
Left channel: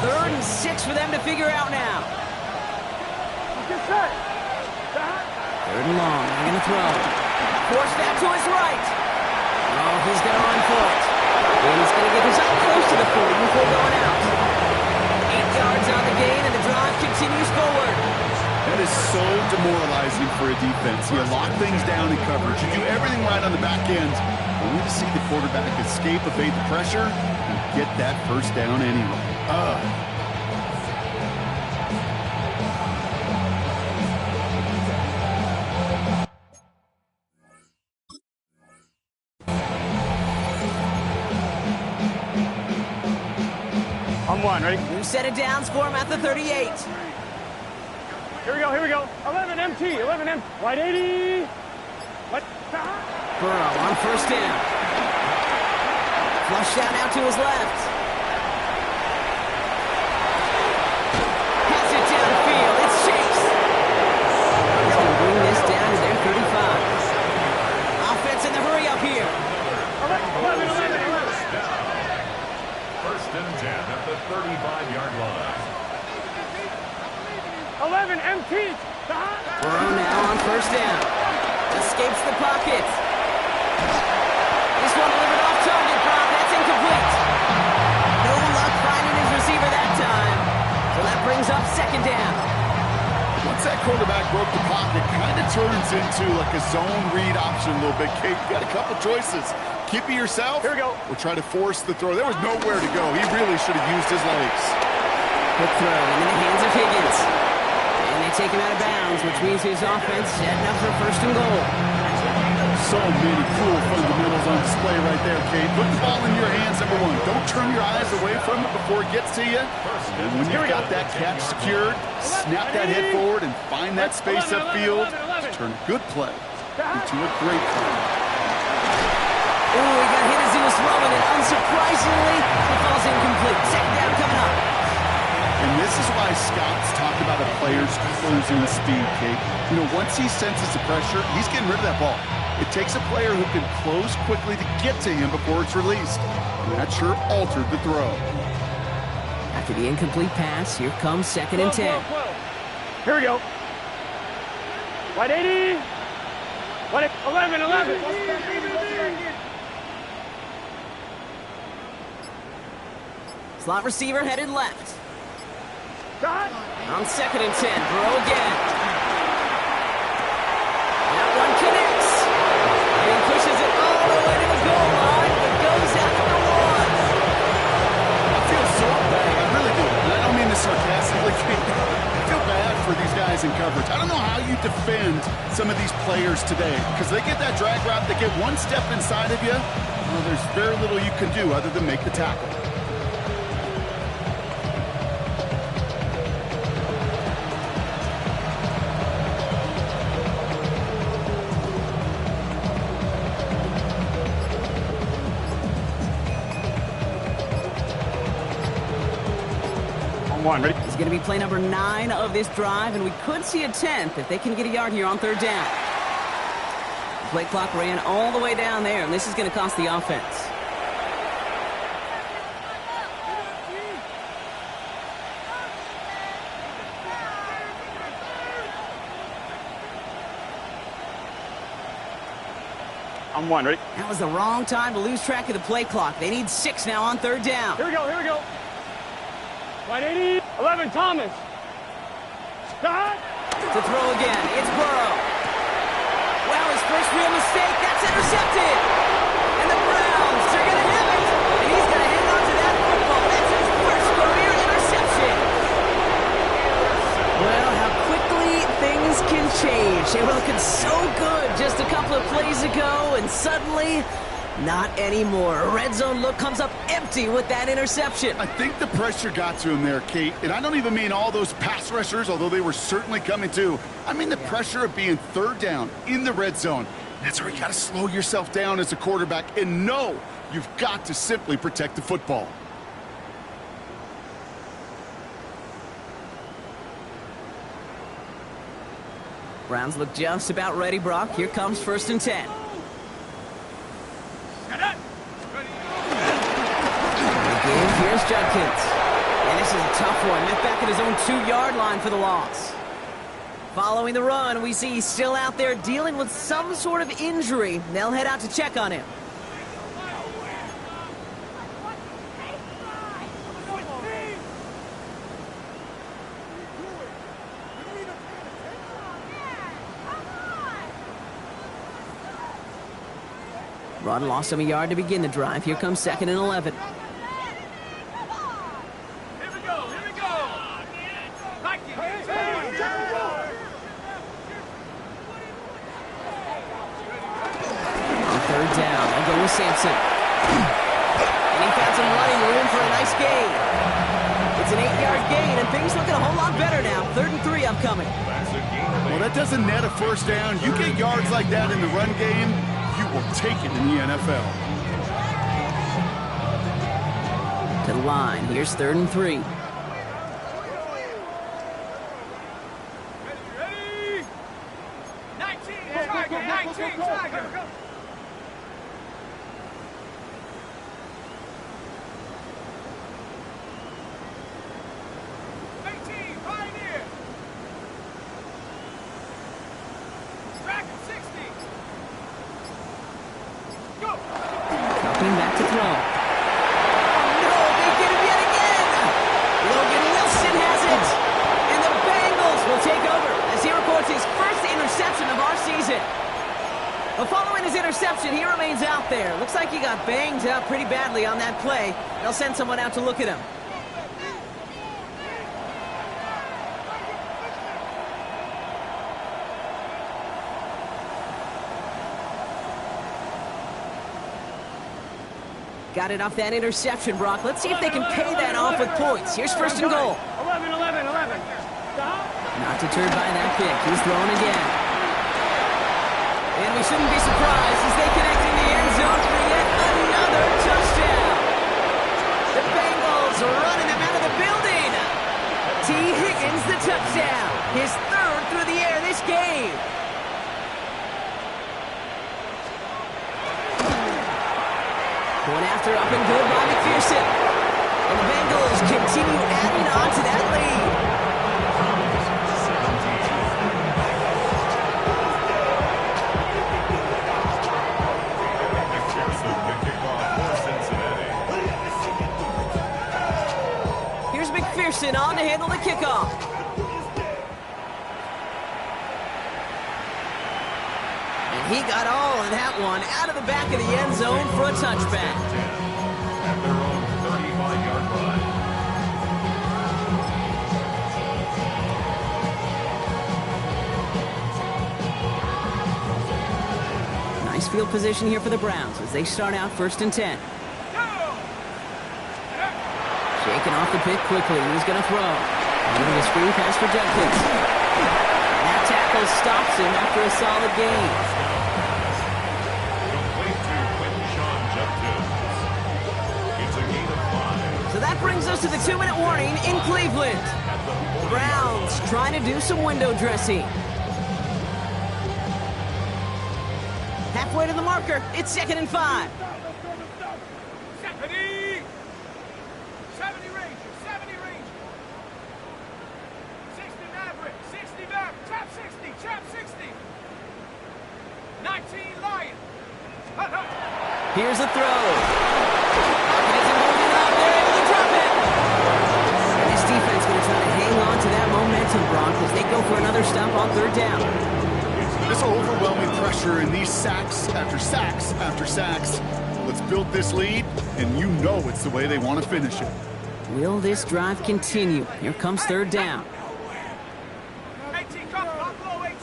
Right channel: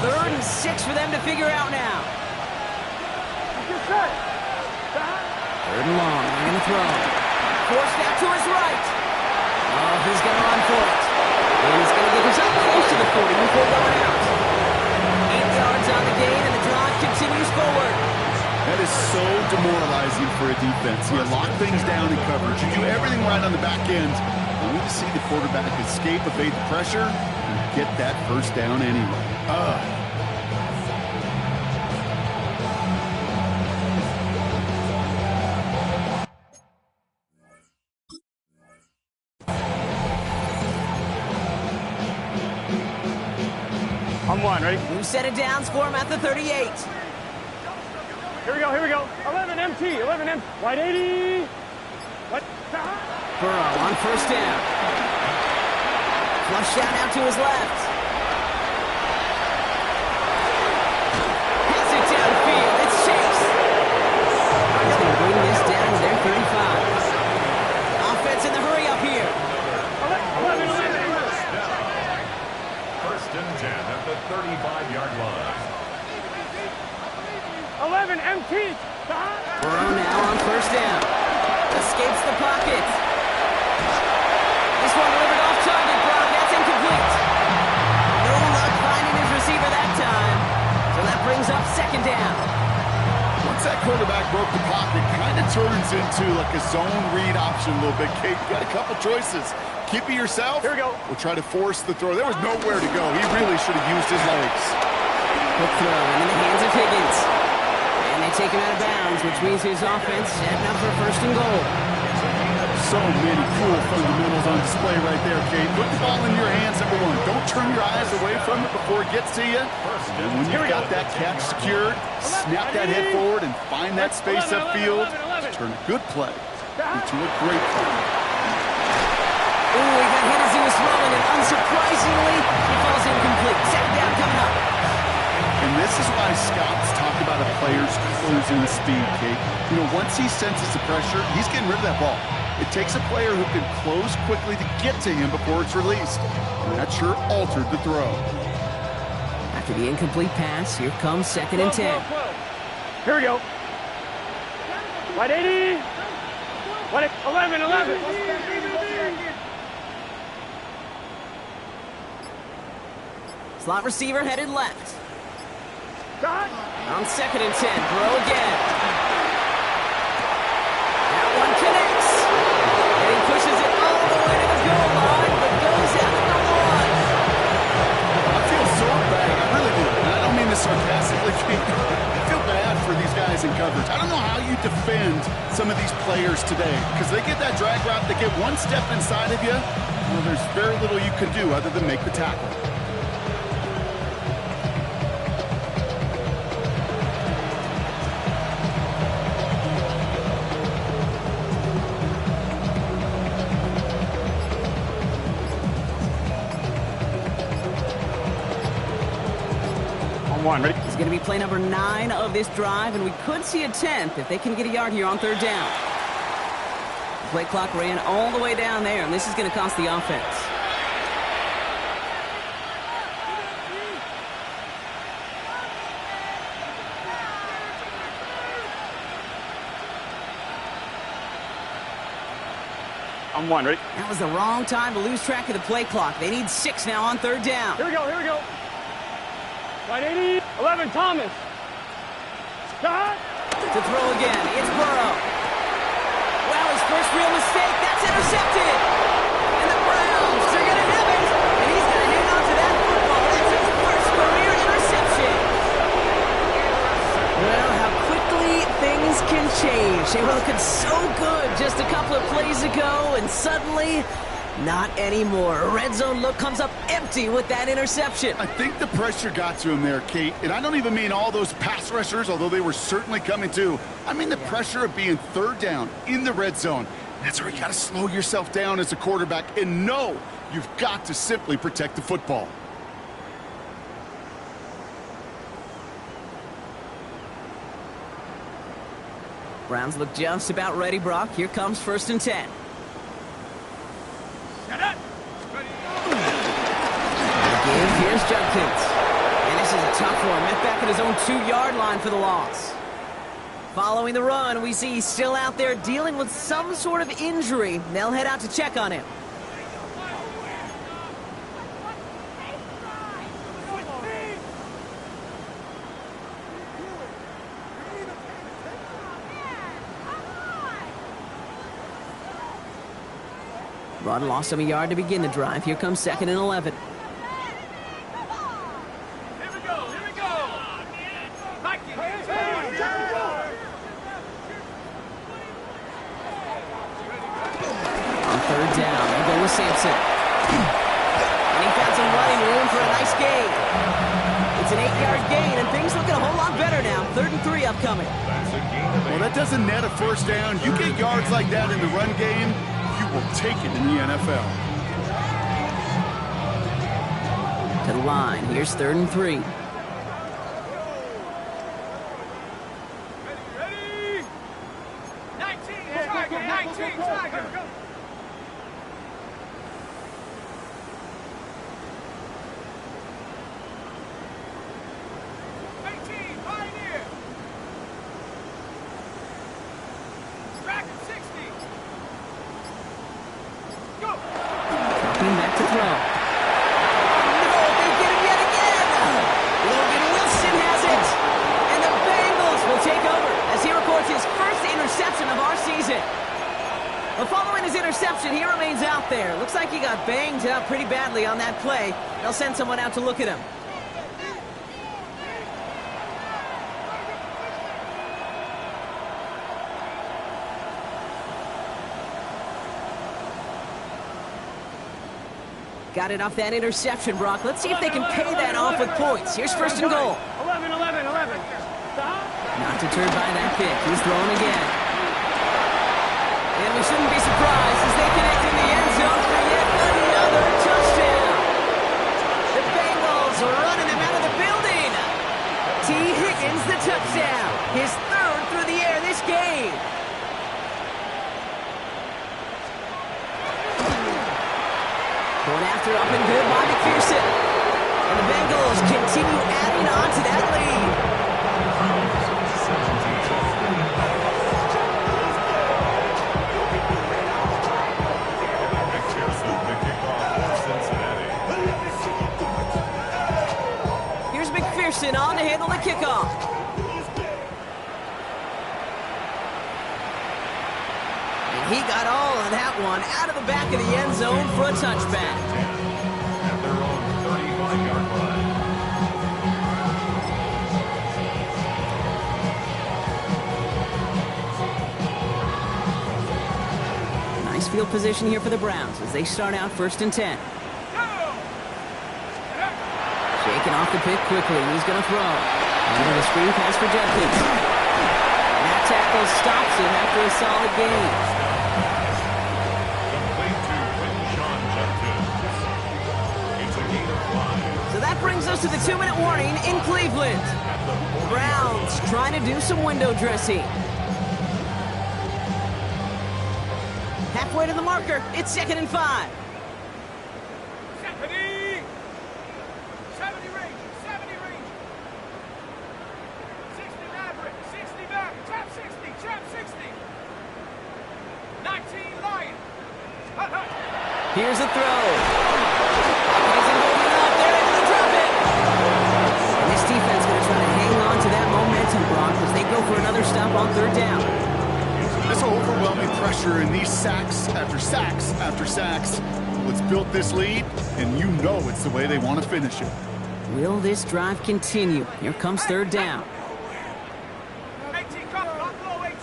3rd and 6 for them to figure out now. Get set. Stop. 3rd and long. They're going to throw. Forced out to his right. Oh, he's going to run for it. And he's going to get his up close to the 40 before going out. 8 yards on the gain, and the drive continues forward. That is so demoralizing for a defense. You lock things down in coverage. You do everything right on the back end, only to see the quarterback escape, evade the pressure, and get that 1st down anyway. On one, ready? New set of downs for him at the 38. Here we go. 11 MT, 11 MT. Wide 80. What? Stop. Burrow on 1st down. Flush out now to his left. Has it downfield. It's Chase. He's going to bring this down to their 35. Offense in the hurry up here. 11. 1st and 10 at the 35-yard line. 11 MT. Stop. Burrow now on 1st down. Escapes the pocket. This one delivered off target, Brock. That's incomplete. No luck finding his receiver that time. So that brings up 2nd down. Once that quarterback broke the pocket, kind of turns into like a zone read option a little bit. Kate, you got a couple choices. Keep it yourself. Here we go. Or try to force the throw. There was nowhere to go. He really should have used his legs. Quick throw into the hands of Higgins. And they take him out of bounds, which means his offense setting up for 1st and goal. So many cool fundamentals on display right there, Kate. Put the ball in your hands, number one. Don't turn your eyes away from it before it gets to you. And when you've got that catch secured, snap that head forward and find that space upfield to turn a good play into a great play. Ooh, he got hit as he was throwing, and unsurprisingly, it falls incomplete. 2nd down coming up. And this is why scouts talk about a player's closing speed, Kate. You know, once he senses the pressure, he's getting rid of that ball. It takes a player who can close quickly to get to him before it's released. And that sure altered the throw. After the incomplete pass, here comes 2nd and 10. Here we go. Wide 80. Wide 11. Slot receiver headed left. Shot. On 2nd and 10, Burrow again. That one connects. And he pushes it all the way to the goal line, but goes out at the 1. I feel so bad. I really do. And I don't mean this sarcastically, Kate. I feel bad for these guys in coverage. I don't know how you defend some of these players today because they get that drag route, they get one step inside of you. Well, there's very little you can do other than make the tackle. One, ready? It's going to be play number 9 of this drive, and we could see a 10th if they can get a yard here on 3rd down. The play clock ran all the way down there, and this is going to cost the offense. On 1, ready? That was the wrong time to lose track of the play clock. They need 6 now on 3rd down. Here we go. Wide 80. 11, Thomas. Shot. To throw again, it's Burrow. Wow, his first real mistake. That's intercepted. And the Browns are going to have it. And he's going to hang on to that football. That's his first career interception. Well, how quickly things can change. They were looking so good just a couple of plays ago, and suddenly, not anymore. A red zone look comes up empty with that interception. I think the pressure got to him there, Kate. And I don't even mean all those pass rushers, although they were certainly coming too. I mean the pressure of being 3rd down in the red zone. That's where you got to slow yourself down as a quarterback and know you've got to simply protect the football. Browns look just about ready, Brock. Here comes 1st and 10. Give, here's Judkins. And this is a tough one. Met back at his own 2-yard line for the loss. Following the run, we see he's still out there dealing with some sort of injury. They'll head out to check on him. Run lost him a yard to begin the drive. Here comes 2nd and 11. On 3rd down, they'll go with Sampson. And he found some running room for a nice gain. It's an 8-yard gain, and things looking a whole lot better now. 3rd and 3 upcoming. Well, that doesn't net a first down. You get yards like that in the run game, you will take it in the NFL. To the line. Here's 3rd and 3. Ready? 19, Tiger, 19, Tiger. Back to throw. Oh, no, they get him yet again. Logan Wilson has it. And the Bengals will take over as he records his first interception of our season. But following his interception, he remains out there. Looks like he got banged up pretty badly on that play. They'll send someone out to look at him. Got it off that interception, Brock. Let's see if they can pay that off with points. Here's 1st and goal. 11. Not deterred by that pick. He's throwing again. And we shouldn't be surprised as they connect in the end zone for yet another touchdown. The Bengals are running them out of the building. Higgins, the touchdown. His third through the air this game. Going after up and good by McPherson. And the Bengals continue adding on to that lead. McPherson, the kickoff for Cincinnati. Here's McPherson on to handle the kickoff. And he got all of that one out of the back of the end zone for a touchback. At their own 35-yard line. Nice field position here for the Browns as they start out 1st and 10. Shaking off the pick quickly. He's going to throw. Under the screen pass for Judkins. And that tackle stops him after a solid gain. Complete to Quinton Judkins. It's a gain of 5. So that brings us to the 2-minute warning in Cleveland. Browns trying to do some window dressing. Halfway to the marker. It's 2nd and 5. 70 Rangers, 70 Rangers. 60 Maverick, 60 Maverick, trap 60. 19 Lions. Here's the throw. Pocket isn't holding up. They're able to drop it. And this defense going to try to hang on to that momentum, Brock, as they go for another stop on 3rd down. This overwhelming pressure and these sacks after sacks after sacks. Let's build this lead, and you know it's the way they want to finish it. Will this drive continue? Here comes 3rd down. 18, come low, 18.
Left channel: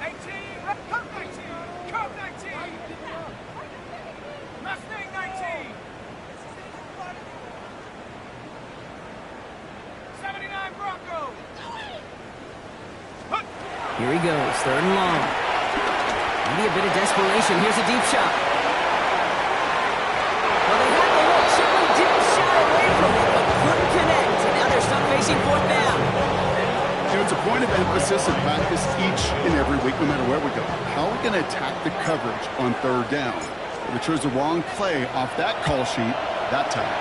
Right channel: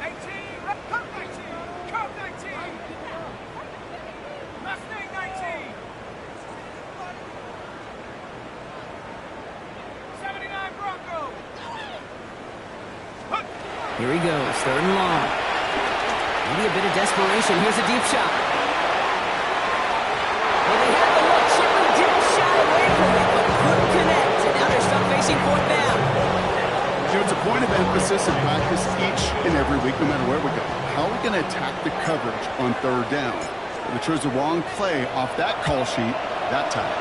18, come 19. Come 19. Mustang 19. 79 Broncos. Here he goes, 3rd and long. Maybe a bit of desperation. Here's a deep shot. Well, they had the look. Certainly didn't shy away from it, but couldn't connect. And now they're stuck facing 4th down. You know, it's a point of emphasis in practice each and every week, no matter where we go. How are we going to attack the coverage on 3rd down? They chose the wrong play off that call sheet that time.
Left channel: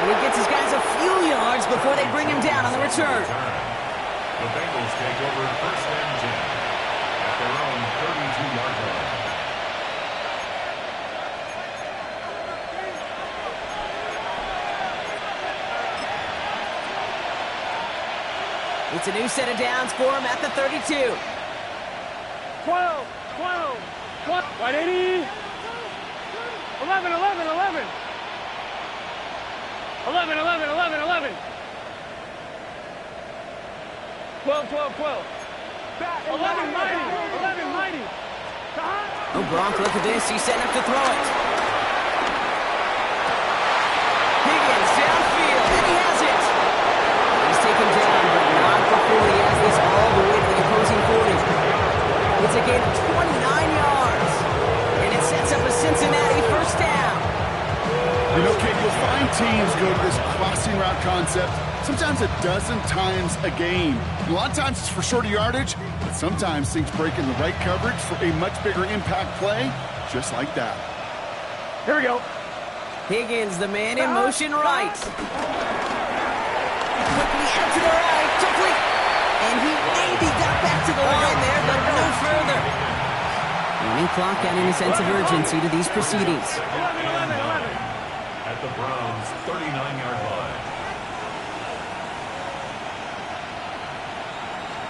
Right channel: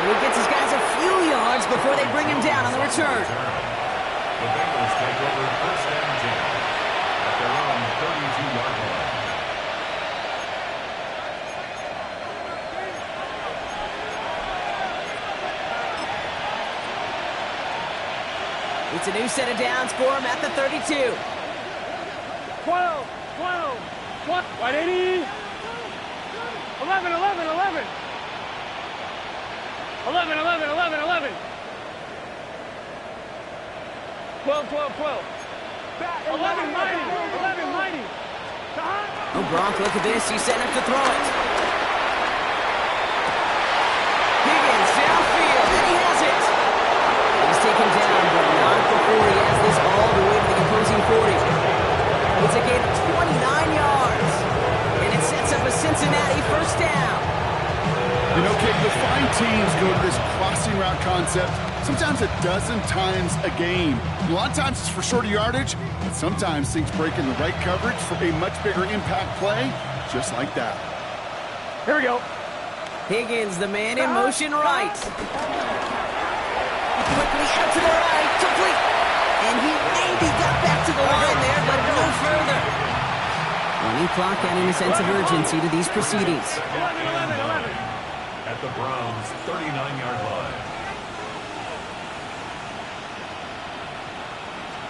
And he gets his guys a few yards before they bring him down on the return. The Bengals take over 1st and 10 at their own 32-yard line. It's a new set of downs for him at the 32. 12. 180. 11. 12. 11 mighty. Oh, Gronk, look at this. He's setting up to throw it. Higgins downfield, and he has it. He's taken down, but not before he has this all the way to the opposing 40. It's a gain of 29 yards, and it sets up a Cincinnati 1st down. You know, Kate, you'll find teams go to this crossing route concept sometimes a dozen times a game. A lot of times it's for shorter yardage, but sometimes things break in the right coverage for a much bigger impact play, just like that. Here we go. Higgins, the man in motion right. Quickly out to the right, complete. And he maybe got back to the line there, but no further. Running clock adding a sense of urgency to these proceedings. 11. At the Browns' 39-yard line.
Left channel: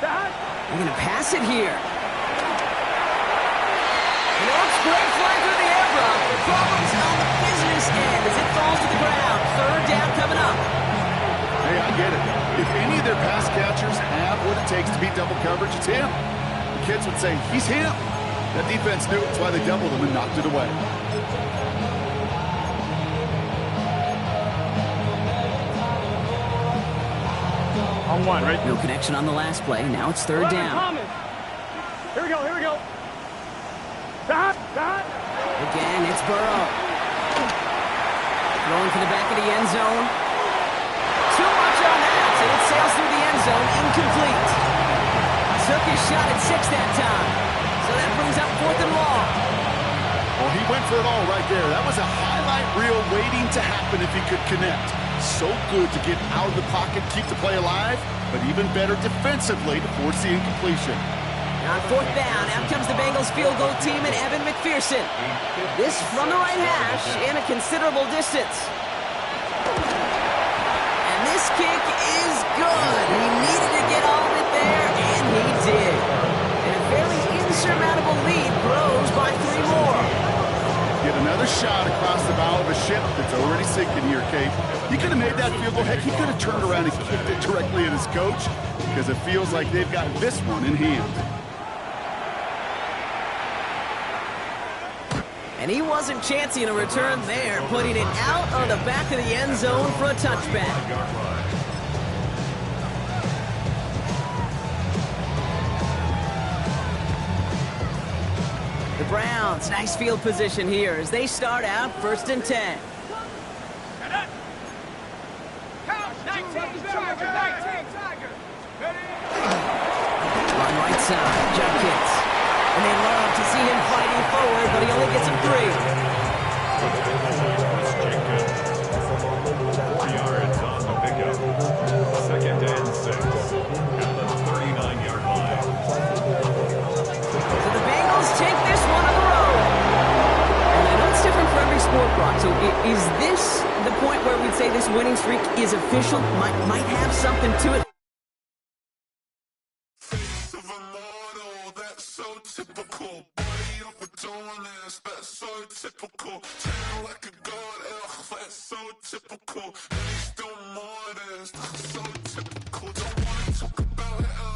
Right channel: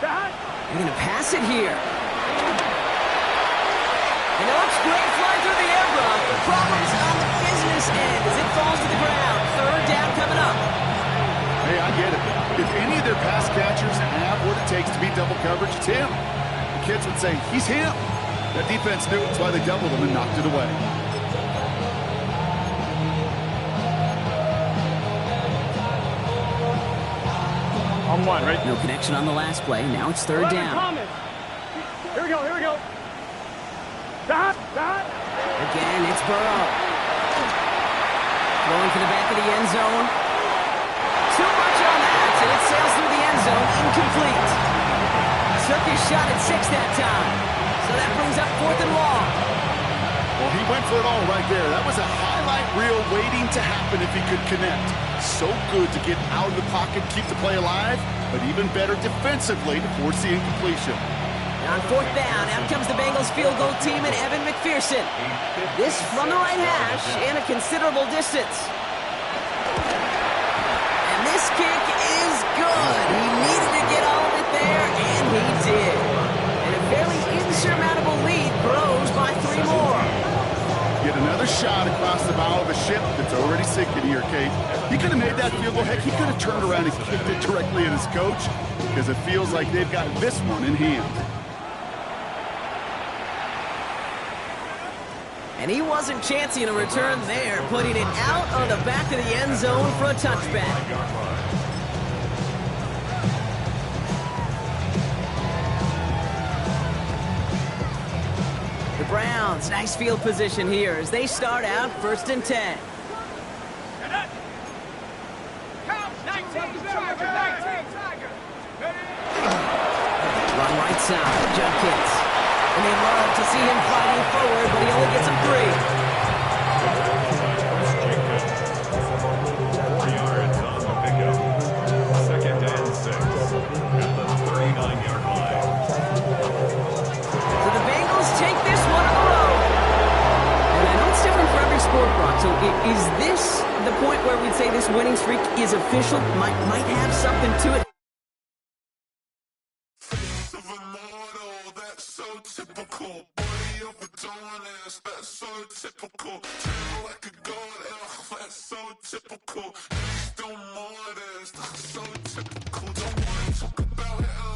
They're going to pass it here. And it looks great flying through the air, Brock, but problems on the business end as it falls to the ground. 3rd down coming up. Hey, I get it. If any of their pass catchers have what it takes to beat double coverage, it's him. The kids would say, he's him. That defense knew it's why they doubled him and knocked it away. On 1, right? No connection on the last play. Now it's 3rd down. Thomas. Here we go. Dot. Again, it's Burrow. Throwing for the back of the end zone. Too much on that, and it sails through the end zone, incomplete. Took his shot at 6 that time. So that brings up 4th and long. Well, he went for it all right there. That was a highlight reel waiting to happen if he could connect. So good to get out of the pocket, keep the play alive, but even better defensively to force the incompletion. And on 4th down, out comes the Bengals field goal team and Evan McPherson. This from the right hash and a considerable distance. And this kick is good. He needed to get all of it there, and he did. And a fairly insurmountable lead grows by 3 more. Get another shot across the bow of a ship that's already sinking here, Kate. He could have made that field goal. Heck, he could have turned around and kicked it directly at his coach because it feels like they've got this one in hand. And he wasn't chancing a return there, putting it out on the back of the end zone for a touchback. The Browns, nice field position here as they start out 1st and 10. Run right side, Judkins. And they love to see him fighting forward, but he only gets him 3. 4 yards on the pickup. 2nd and 6 at the 39-yard line. So the Bengals take this one on the road. And I know it's different for every sport, Brock. So is this the point where we'd say this winning streak is official? Might have something to it? Typical body overdoing this, that's so typical. Treat like a god, that's so typical. Please do more of this, that's so typical. Don't wanna talk about